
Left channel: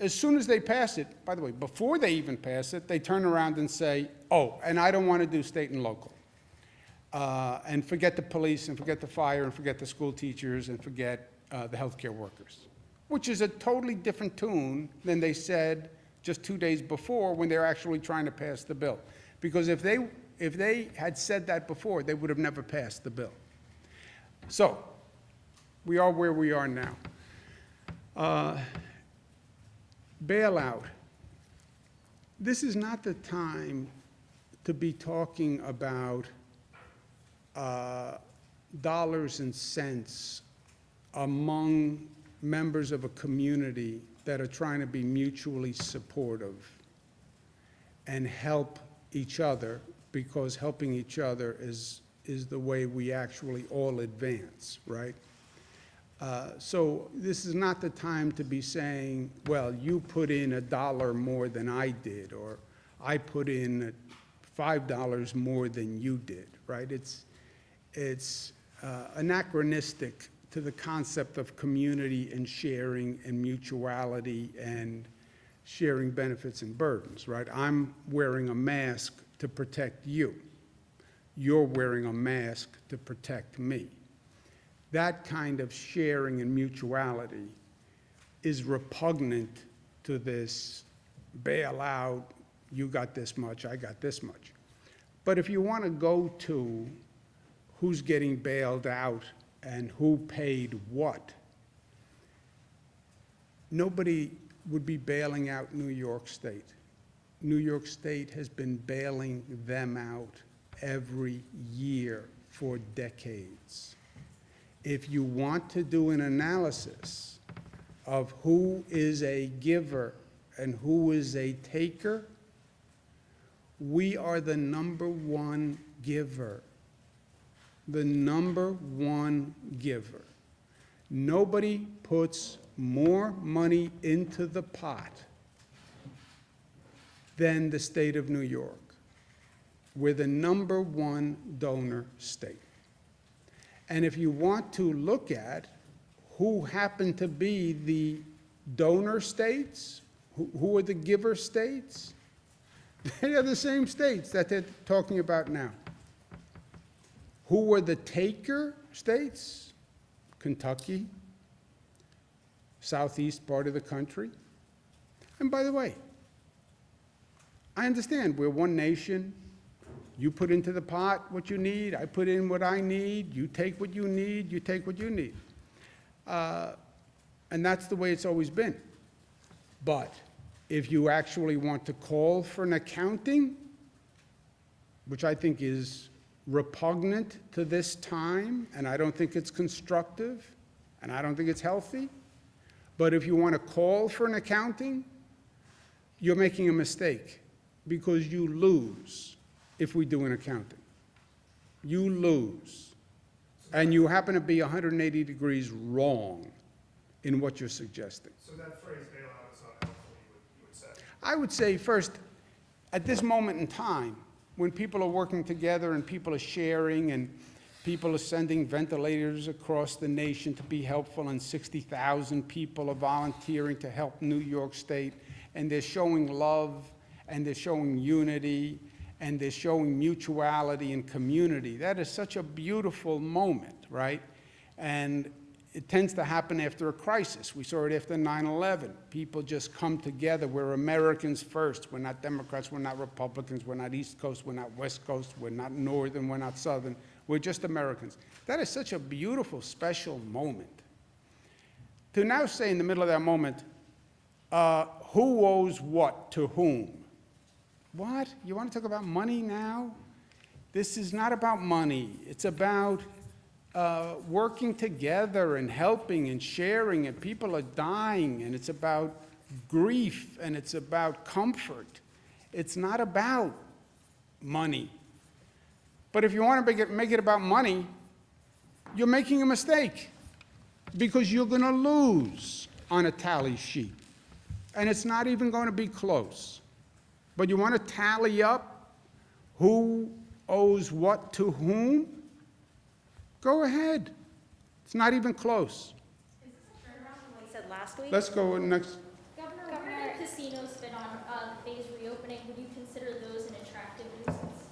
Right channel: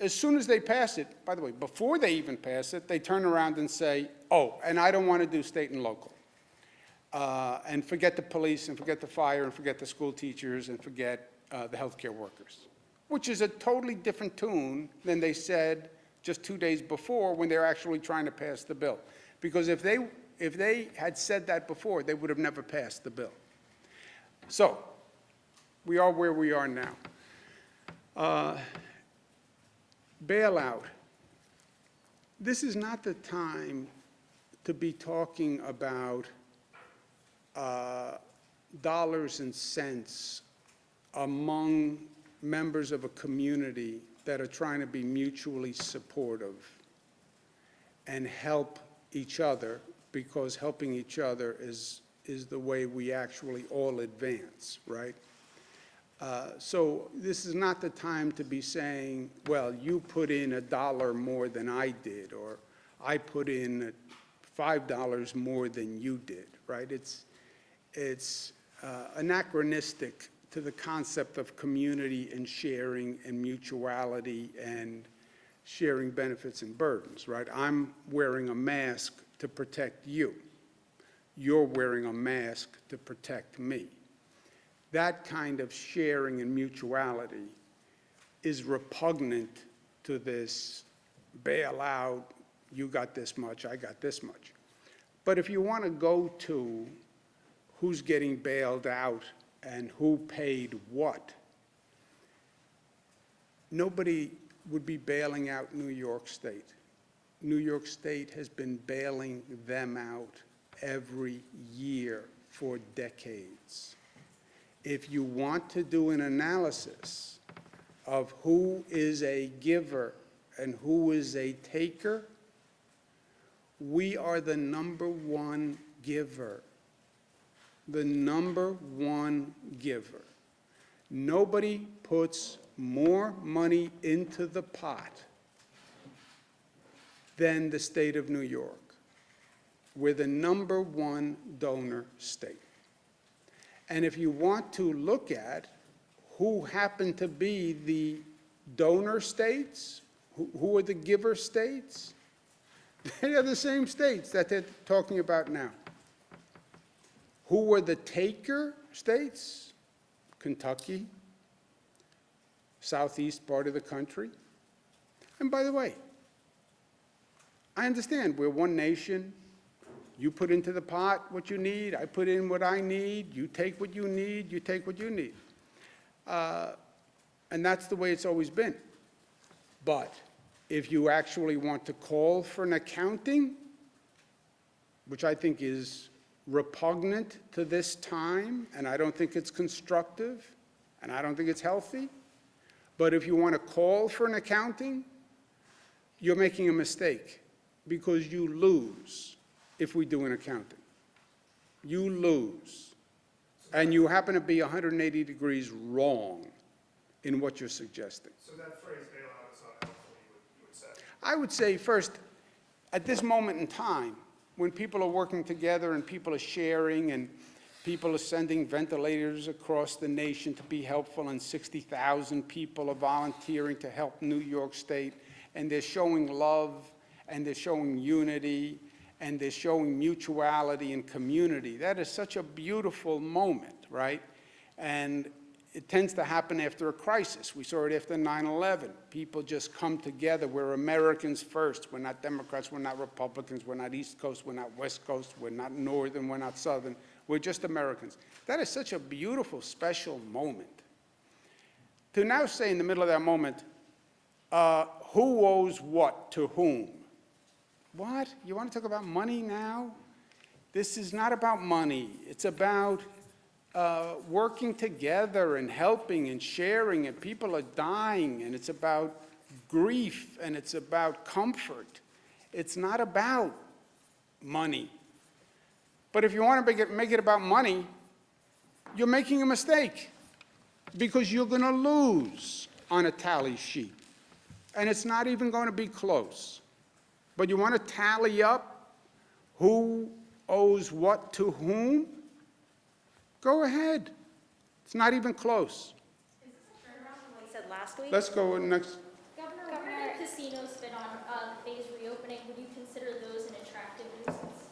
As soon as they pass it, by the way, before they even pass it, they turn around and say, oh, and I don't want to do state and local. And forget the police, and forget the fire, and forget the school teachers, and forget the healthcare workers, which is a totally different tune than they said just 2 days before when they were actually trying to pass the bill. Because if they had said that before, they would have never passed the bill. So we are where we are now. Bailout. This is not the time to be talking about dollars and cents among members of a community that are trying to be mutually supportive and help each other, because helping each other is the way we actually all advance, right? So this is not the time to be saying, well, you put in $1 more than I did, or I put in $5 more than you did, right? It's anachronistic to the concept of community and sharing and mutuality and sharing benefits and burdens, right? I'm wearing a mask to protect you. You're wearing a mask to protect me. That kind of sharing and mutuality is repugnant to this bailout, you got this much, I got this much. But if you want to go to who's getting bailed out and who paid what, nobody would be bailing out New York State. New York State has been bailing them out every year for decades. If you want to do an analysis of who is a giver and who is a taker, we are the #1 giver. The #1 giver. Nobody puts more money into the pot than the state of New York. We're the #1 donor state. And if you want to look at who happen to be the donor states, who are the giver states, they are the same states that they're talking about now. Who were the taker states? Kentucky, southeast part of the country. And by the way, I understand we're one nation. You put into the pot what you need, I put in what I need, you take what you need, you take what you need. And that's the way it's always been. But if you actually want to call for an accounting, which I think is repugnant to this time, and I don't think it's constructive, and I don't think it's healthy, but if you want to call for an accounting, you're making a mistake, because you lose if we do an accounting. You lose. And you happen to be 180 degrees wrong in what you're suggesting. So that phrase bailout is not helpful, you would say? I would say, first, at this moment in time, when people are working together and people are sharing and people are sending ventilators across the nation to be helpful, and 60,000 people are volunteering to help New York State, and they're showing love, and they're showing unity, and they're showing mutuality and community. That is such a beautiful moment, right? And it tends to happen after a crisis. We saw it after 9/11. People just come together. We're Americans first. We're not Democrats, we're not Republicans, we're not East Coast, we're not West Coast, we're not Northern, we're not Southern. We're just Americans. That is such a beautiful, special moment. to now say in the middle of that moment, who owes what to whom? What? You want to talk about money now? This is not about money. It's about working together and helping and sharing, and people are dying, and it's about grief, and it's about comfort. It's not about money. But if you want to make it about money, you're making a mistake, because you're going to lose on a tally sheet, and it's not even going to be close. But you want to tally up who owes what to whom? Go ahead. It's not even close. Is this a turnaround from what he said last week? Let's go next. Governor, where do casinos fit on phase reopening? Would you consider those an attractive nuisance?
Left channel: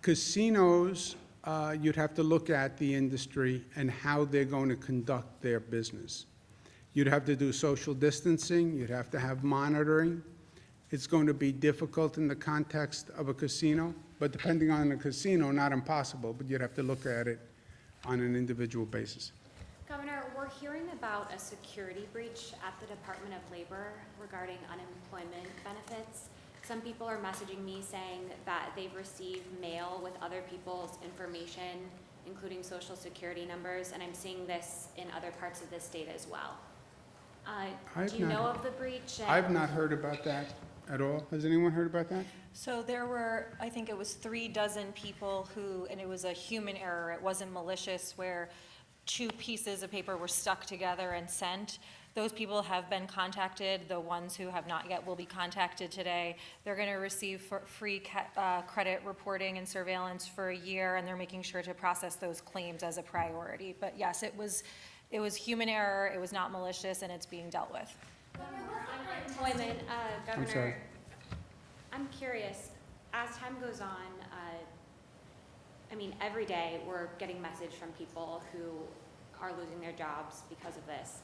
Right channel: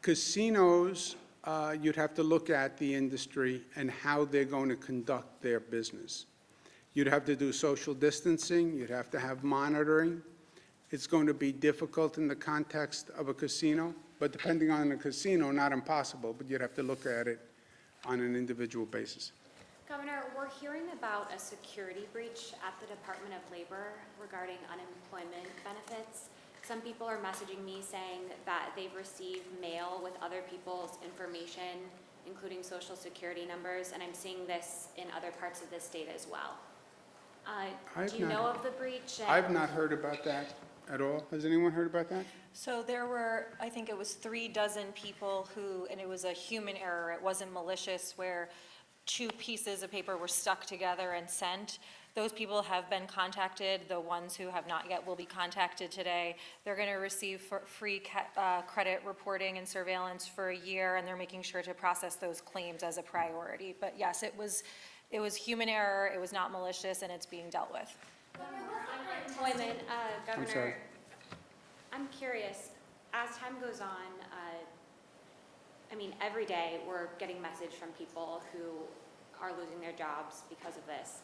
Casinos, you'd have to look at the industry and how they're going to conduct their business. You'd have to do social distancing, you'd have to have monitoring. It's going to be difficult in the context of a casino, but depending on the casino, not impossible, but you'd have to look at it on an individual basis. Governor, we're hearing about a security breach at the Department of Labor regarding unemployment benefits. Some people are messaging me saying that they've received mail with other people's information, including social security numbers, and I'm seeing this in other parts of the state as well. Do you know of the breach? I've not heard about that at all. Has anyone heard about that? So there were, I think it was 36 people who, and it was a human error, it wasn't malicious, where 2 pieces of paper were stuck together and sent. Those people have been contacted. The ones who have not yet will be contacted today. They're going to receive free credit reporting and surveillance for a year, and they're making sure to process those claims as a priority. But yes, it was human error, it was not malicious, and it's being dealt with. Unemployment, I'm sorry. Governor, I'm curious, as time goes on, I mean, every day we're getting message from people who are losing their jobs because of this.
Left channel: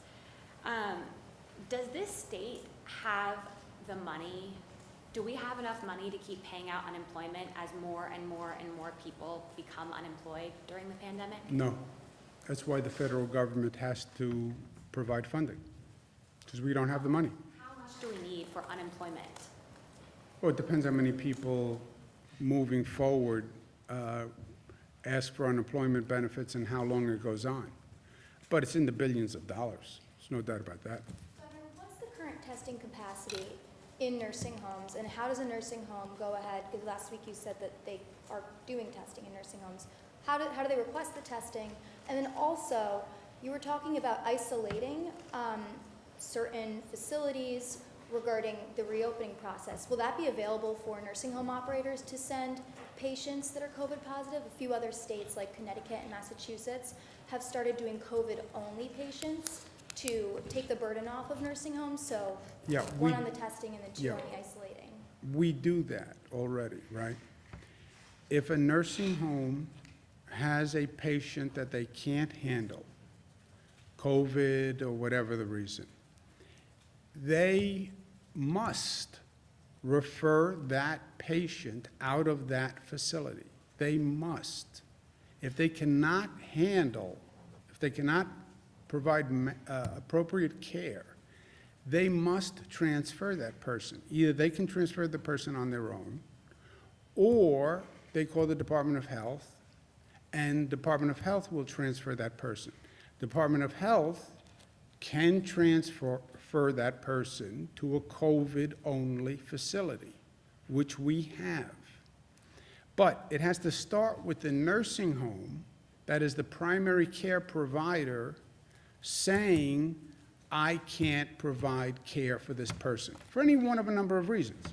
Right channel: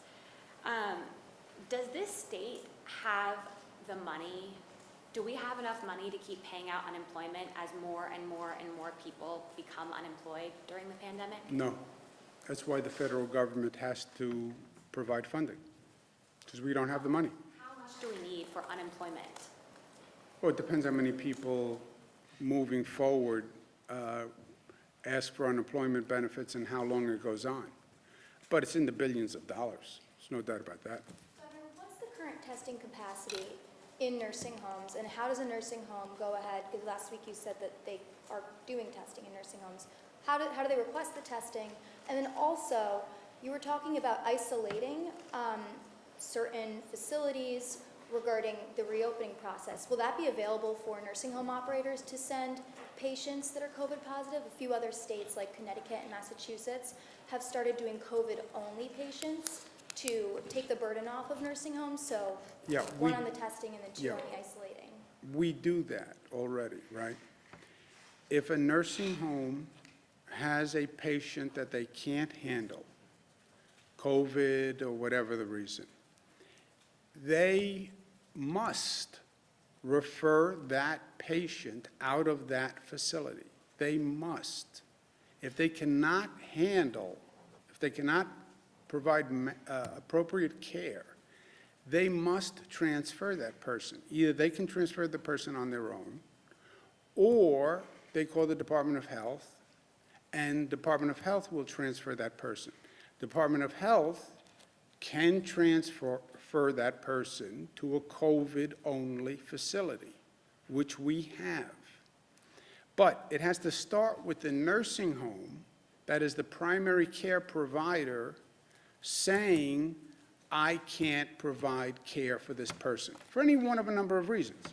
Does this state have the money? Do we have enough money to keep paying out unemployment as more and more and more people become unemployed during the pandemic? No. That's why the federal government has to provide funding, because we don't have the money. How much do we need for unemployment? Well, it depends how many people moving forward ask for unemployment benefits and how long it goes on. But it's in the billions of dollars. There's no doubt about that. Governor, what's the current testing capacity in nursing homes, and how does a nursing home go ahead? Because last week you said that they are doing testing in nursing homes. How do they request the testing? And then also, you were talking about isolating certain facilities regarding the reopening process. Will that be available for nursing home operators to send patients that are COVID positive? A few other states like Connecticut and Massachusetts have started doing COVID-only patients to take the burden off of nursing homes. So Yeah, one on the testing and then 2 yeah. on the isolating. We do that already, right? If a nursing home has a patient that they can't handle, COVID or whatever the reason, they must refer that patient out of that facility. They must. If they cannot handle, if they cannot provide appropriate care, they must transfer that person. Either they can transfer the person on their own, or they call the Department of Health, and Department of Health will transfer that person. Department of Health can transfer that person to a COVID-only facility, which we have. But it has to start with the nursing home that is the primary care provider saying, I can't provide care for this person, for any one of a number of reasons.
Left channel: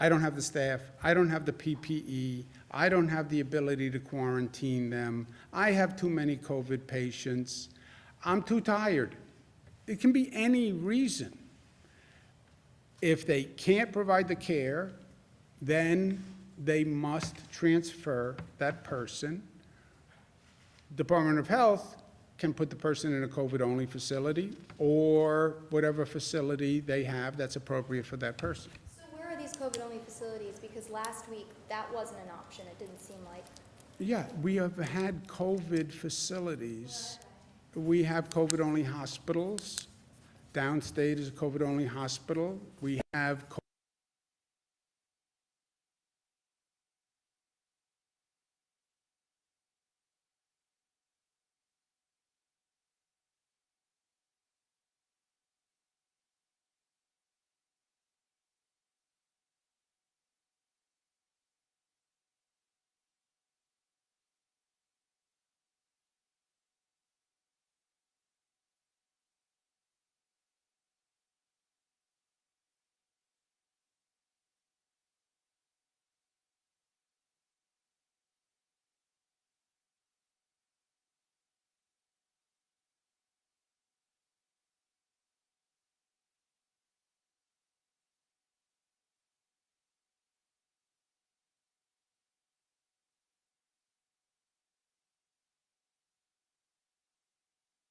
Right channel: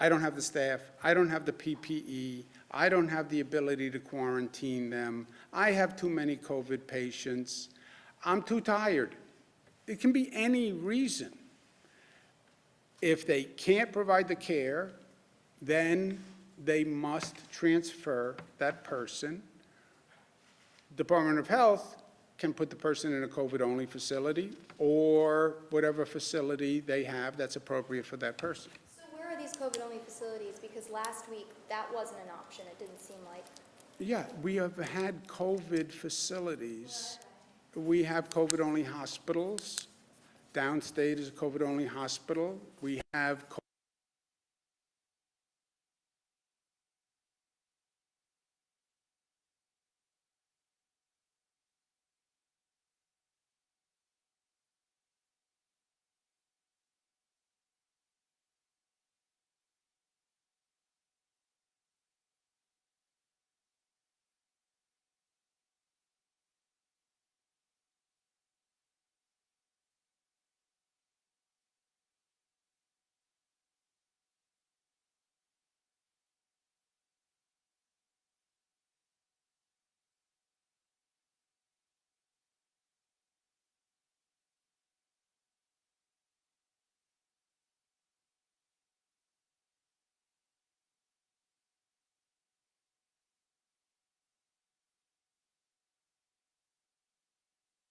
I don't have the staff, I don't have the PPE, I don't have the ability to quarantine them, I have too many COVID patients, I'm too tired. It can be any reason. If they can't provide the care, then they must transfer that person. Department of Health can put the person in a COVID-only facility or whatever facility they have that's appropriate for that person. So where are these COVID-only facilities? Because last week, that wasn't an option, it didn't seem like. Yeah, we have had COVID facilities We have COVID-only hospitals. Downstate is a COVID-only hospital. We have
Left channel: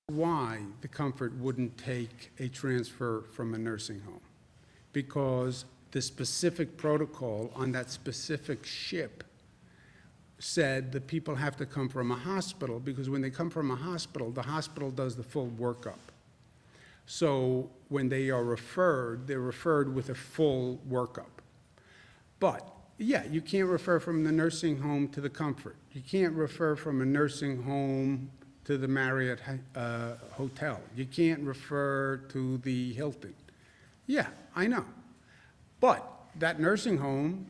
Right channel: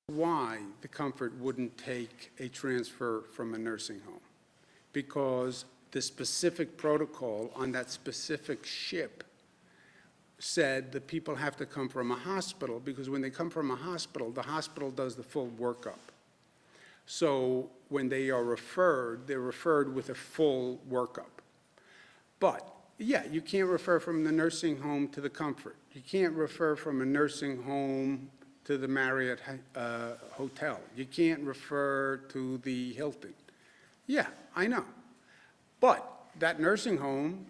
why the Comfort wouldn't take a transfer from a nursing home. Because the specific protocol on that specific ship said that people have to come from a hospital, because when they come from a hospital, the hospital does the full workup. So when they are referred, they're referred with a full workup. But, yeah, you can't refer from the nursing home to the Comfort. You can't refer from a nursing home to the Marriott Hotel. You can't refer to the Hilton. Yeah, I know. But that nursing home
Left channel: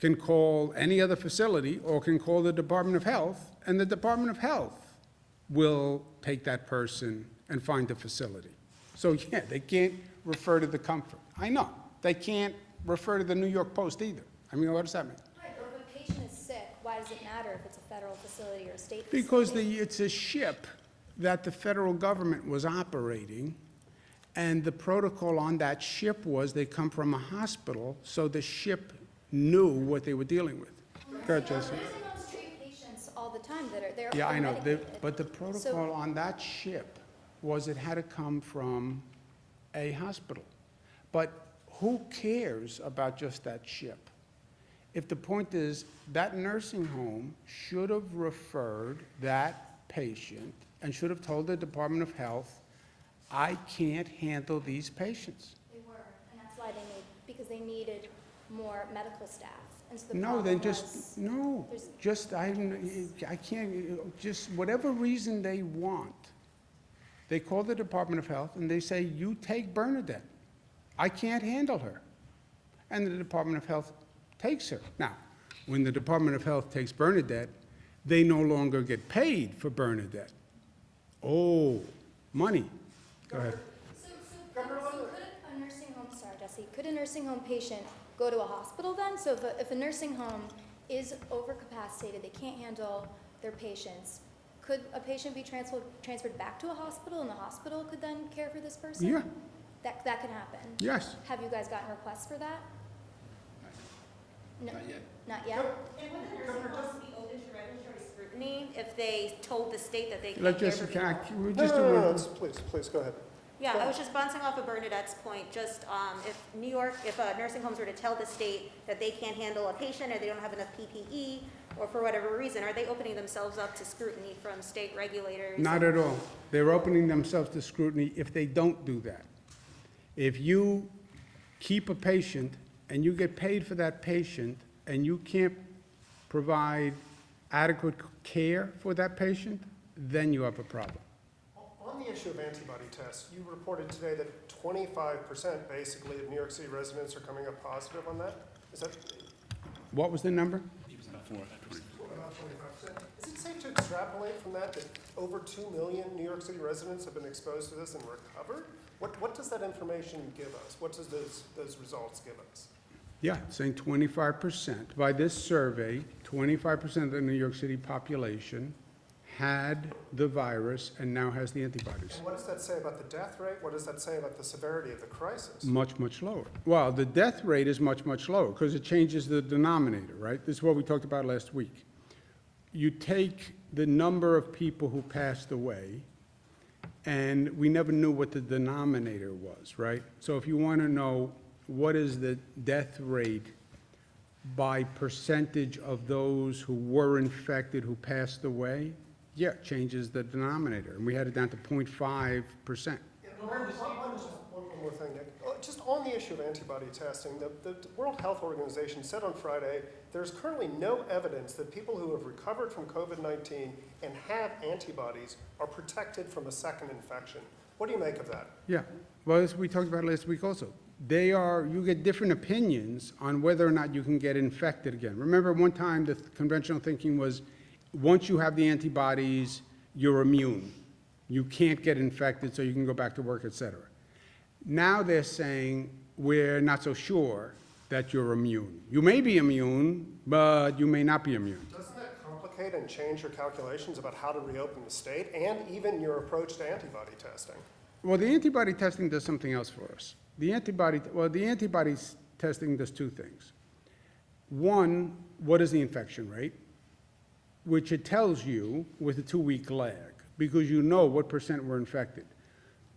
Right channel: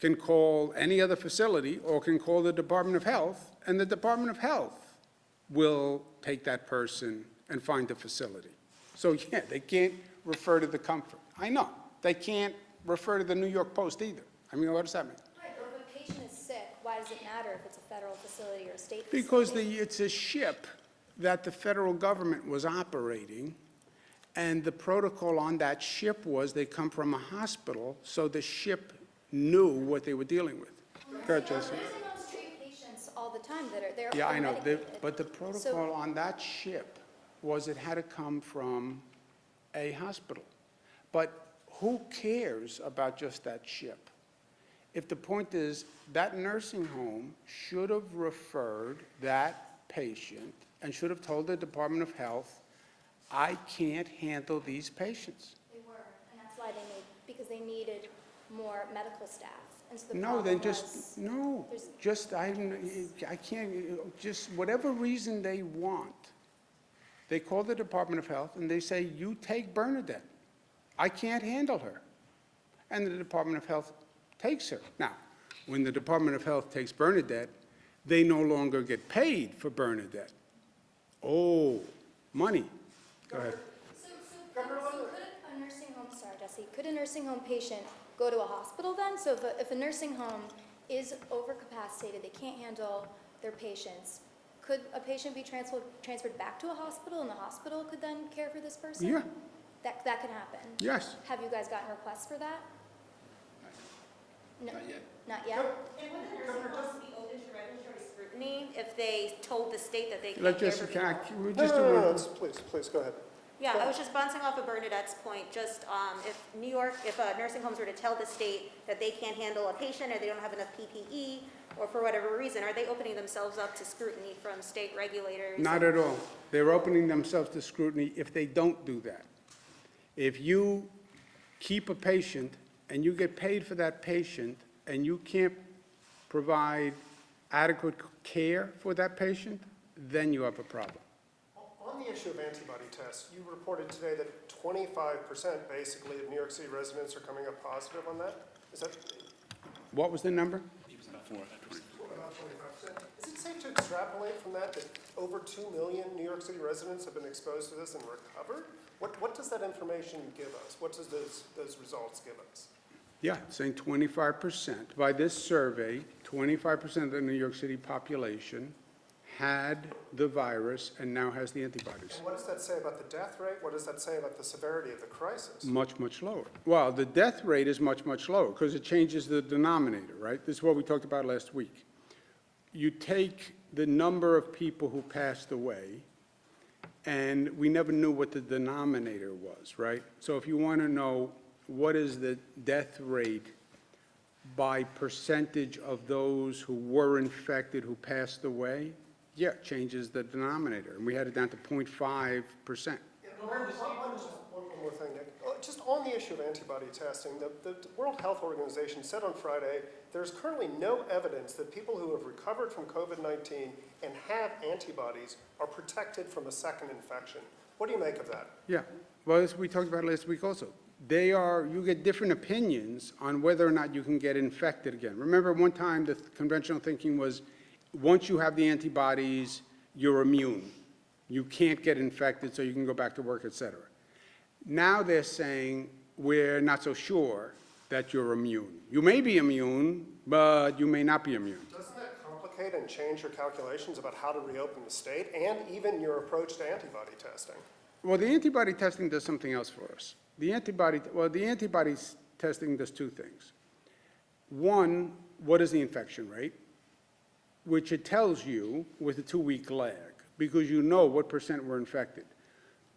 can call any other facility or can call the Department of Health, and the Department of Health will take that person and find a facility. So, yeah, they can't refer to the Comfort. I know. They can't refer to the New York Post either. I mean, what does that mean? Right, but if a patient is sick, why does it matter if it's a federal facility or a state Because facility? it's a ship that the federal government was operating, and the protocol on that ship was they come from a hospital, so the ship knew what they were dealing with. Go ahead, Jesse. Nursing homes treat patients all the time that are there. Yeah, I know, medicated. but the protocol on that ship was it had to come from a hospital. But who cares about just that ship? If the point is, that nursing home should have referred that patient and should have told the Department of Health, I can't handle these patients. They were, and that's why because they needed more medical staff. And so the No, problem then was, just, no, there's- just, I can't, just whatever reason they want. They call the Department of Health and they say, you take Bernadette. I can't handle her. And the Department of Health takes her. Now, when the Department of Health takes Bernadette, they no longer get paid for Bernadette. Oh, money. Go ahead. So could a nursing home, sorry, Jesse, could a nursing home patient go to a hospital then? So if a nursing home is overcapacitated, they can't handle their patients, could a patient be transferred back to a hospital, and the hospital could then care for this person? Yeah. That could happen? Yes. Have you guys gotten requests for that? No, Not yet. not yet? And would the nursing homes be open to regulatory scrutiny if they told the state that they can't Let care Jessica, for people? we're No, just no, no, no, doing. please, go ahead. Yeah, I was just bouncing off of Bernadette's point, just if nursing homes were to tell the state that they can't handle a patient or they don't have enough PPE, or for whatever reason, are they opening themselves up to scrutiny from state regulators? Not at all. They're opening themselves to scrutiny if they don't do that. If you keep a patient and you get paid for that patient and you can't provide adequate care for that patient, then you have a problem. On the issue of antibody tests, you reported today that 25% basically of New York City residents are coming up positive on that? Is that What was the number? about 25%? Is it safe to extrapolate from that over 2 million New York City residents have been exposed to this and recovered? What does that information give us? What does those results give us? Yeah, saying 25%. By this survey, 25% of the New York City population had the virus and now has the antibodies. And what does that say about the death rate? What does that say about the severity of the crisis? Much, much lower. Well, the death rate is much, much lower because it changes the denominator, right? This is what we talked about last week. You take the number of people who passed away, and we never knew what the denominator was, right? So if you want to know what is the death rate by percentage of those who were infected who passed away, Yeah, changes the denominator, and we had it down to 0.5%. One more thing, Nick. Just on the issue of antibody testing, the World Health Organization said on Friday, there's currently no evidence that people who have recovered from COVID-19 and have antibodies are protected from a second infection. What do you make of that? Yeah, well, as we talked about last week also, you get different opinions on whether or not you can get infected again. Remember, one time the conventional thinking was, once you have the antibodies, you're immune. You can't get infected, so you can go back to work, et cetera. Now they're saying, we're not so sure that you're immune. You may be immune, but you may not be immune. Doesn't that complicate and change your calculations about how to reopen the state and even your approach to antibody testing? Well, the antibody testing does something else for us. The antibody testing does two things. One, what is the infection rate? Which it tells you with a 2-week lag, because you know what % were infected.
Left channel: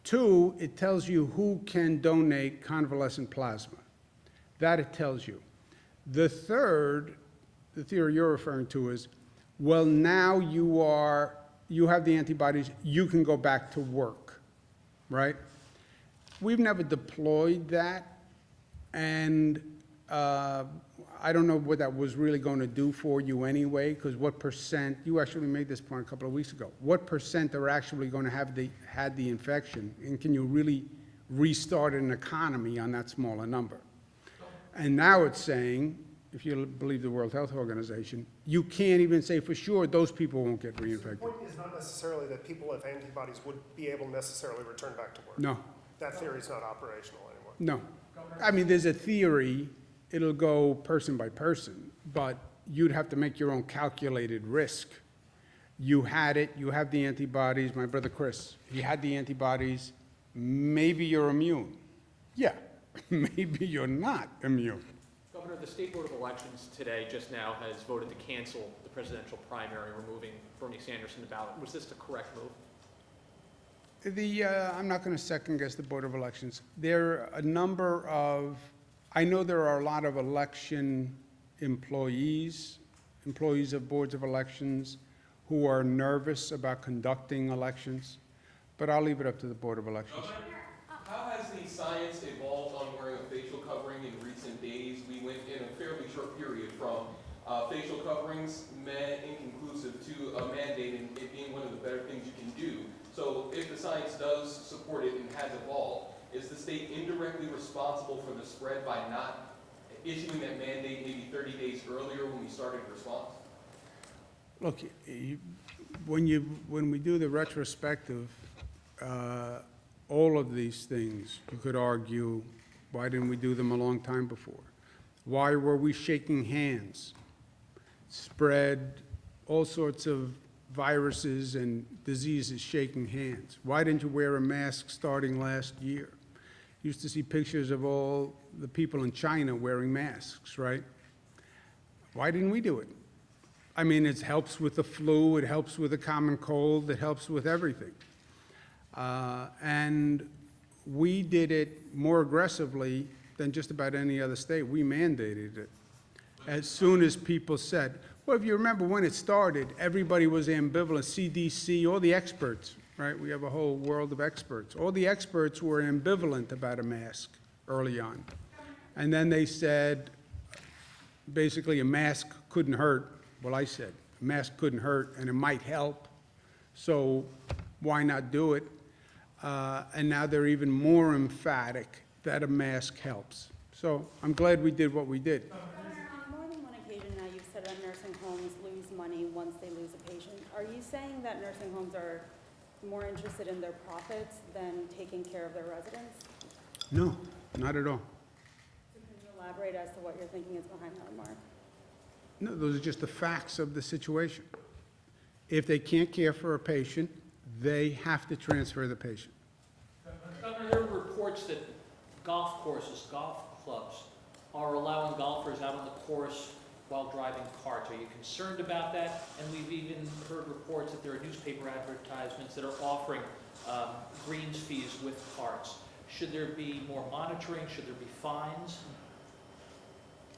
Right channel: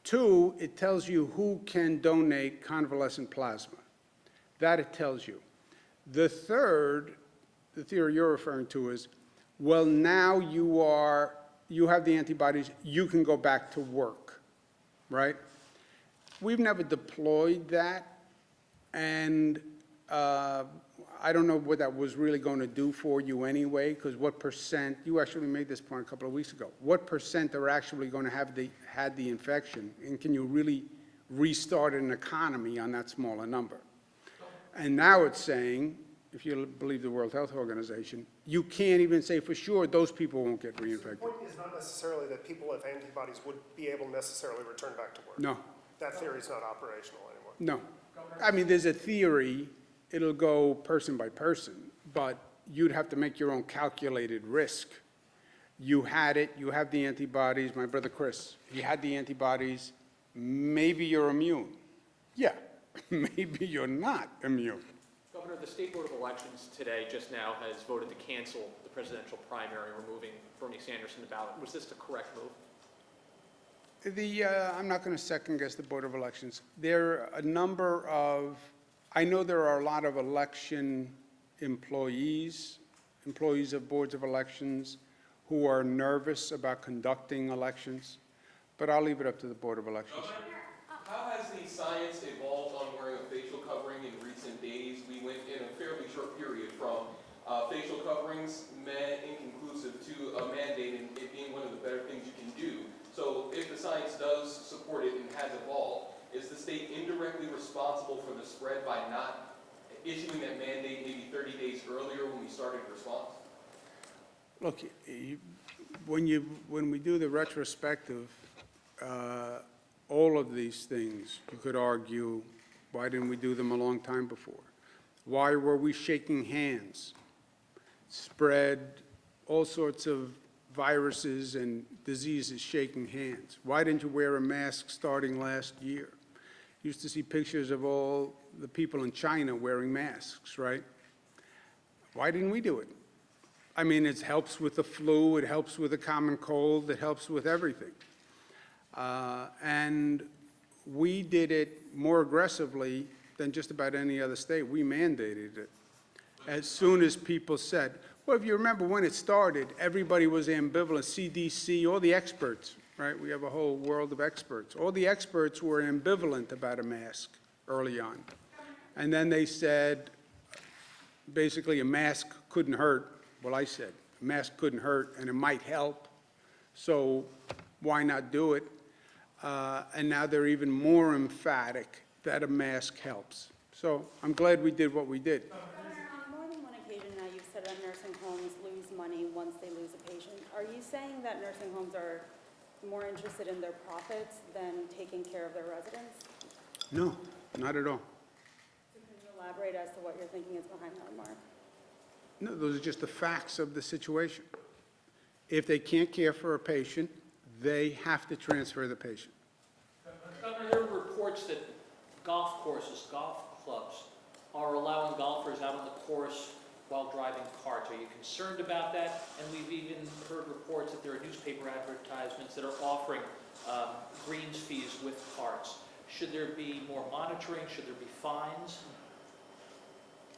Two, it tells you who can donate convalescent plasma. That it tells you. The third, the theory you're referring to is, well, now you have the antibodies, you can go back to work, right? We've never deployed that, and I don't know what that was really going to do for you anyway, because what %, you actually made this point a couple of weeks ago, what % are actually going to have had the infection, and can you really restart an economy on that smaller number? And now it's saying, if you believe the World Health Organization, you can't even say for sure those people won't get reinfected. The point is not necessarily that people with antibodies would be able to necessarily return back to work. No, That theory is not operational anymore. no. I mean, there's a theory, it'll go person by person, but you'd have to make your own calculated risk. You had it, you have the antibodies, my brother Chris, he had the antibodies, maybe you're immune. Yeah, maybe you're not immune. Governor, the State Board of Elections today just now has voted to cancel the presidential primary, removing Bernie Sanders from the ballot. Was this the correct move? I'm not going to second guess the Board of Elections. There are a number of, I know there are a lot of election employees of boards of elections who are nervous about conducting elections, but I'll leave it up to the Board of Elections. How has the science evolved on wearing a facial covering in recent days? We went in a fairly short period from facial coverings, inconclusive, to a mandate and it being one of the better things you can do. So if the science does support it and has evolved, is the state indirectly responsible for the spread by not issuing that mandate maybe 30 days earlier when we started the response? Look, when we do the retrospective, all of these things, you could argue, why didn't we do them a long time before? Why were we shaking hands? Spread all sorts of viruses and diseases shaking hands. Why didn't you wear a mask starting last year? Used to see pictures of all the people in China wearing masks, right? Why didn't we do it? I mean, it helps with the flu, it helps with the common cold, it helps with everything. And we did it more aggressively than just about any other state. We mandated it. As soon as people said, well, if you remember when it started, everybody was ambivalent. CDC, all the experts, right? We have a whole world of experts. All the experts were ambivalent about a mask early on. And then they said, basically, a mask couldn't hurt. Well, I said, a mask couldn't hurt, and it might help. So why not do it? And now they're even more emphatic that a mask helps. So I'm glad we did what we did. Governor, on more than one occasion now, you've said that nursing homes lose money once they lose a patient. Are you saying that nursing homes are more interested in their profits than taking care of their residents? No, not at all. So can you elaborate as to what your thinking is behind that remark? No, those are just the facts of the situation. If they can't care for a patient, they have to transfer the patient. Governor, there are reports that golf courses, golf clubs, are allowing golfers out on the course while driving carts. Are you concerned about that? And we've even heard reports that there are newspaper advertisements that are offering greens fees with carts. Should there be more monitoring? Should there be fines?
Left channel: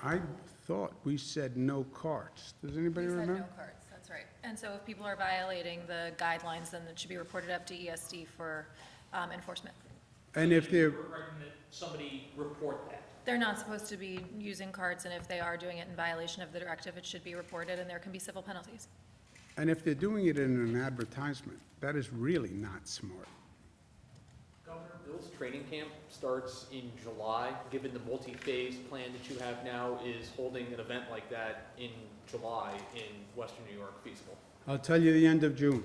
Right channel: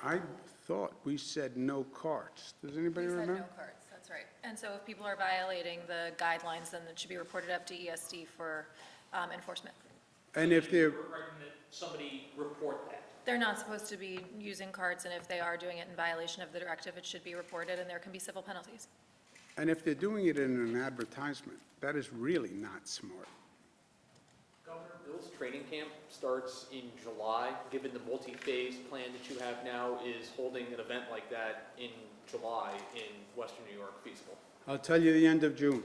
I thought we said no carts. Does anybody remember? You said no carts, that's right. And so if people are violating the guidelines, then it should be reported up to ESD for enforcement. And if they're, We're recommending that somebody report that. They're not supposed to be using carts, and if they are doing it in violation of the directive, it should be reported, and there can be civil penalties. and if they're doing it in an advertisement, that is really not smart. Governor, Bill's training camp starts in July. Given the multi-phase plan that you have now, is holding an event like that in July in Western New York feasible? I'll tell you the end of June.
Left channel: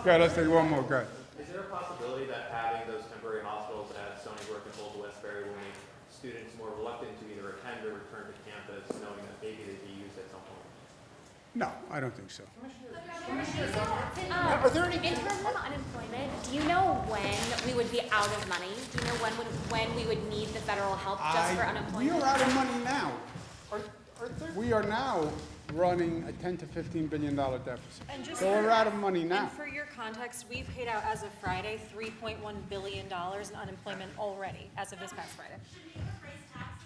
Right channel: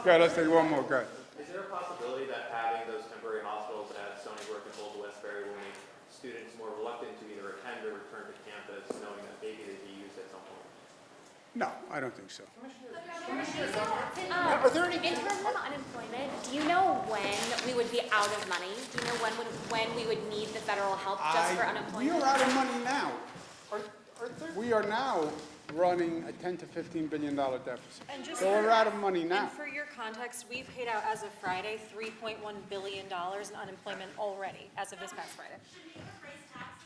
Okay, let's take one more, go ahead. Is there a possibility that having those temporary hospitals at Stony Brook and Old Westbury will make students more reluctant to either attend or return to campus, knowing that maybe they'd be used at some point? No, I don't think so. Are there any? In terms of unemployment, do you know when we would be out of money? Do you know when we would need the federal help just for We unemployment? are out of money now. Are there? We are now running a $10 to $15 billion deficit. And just So we're out of money now. And for your context, we've paid out, as of Friday, $3.1 billion in unemployment already, as of this past Friday. Should we raise taxes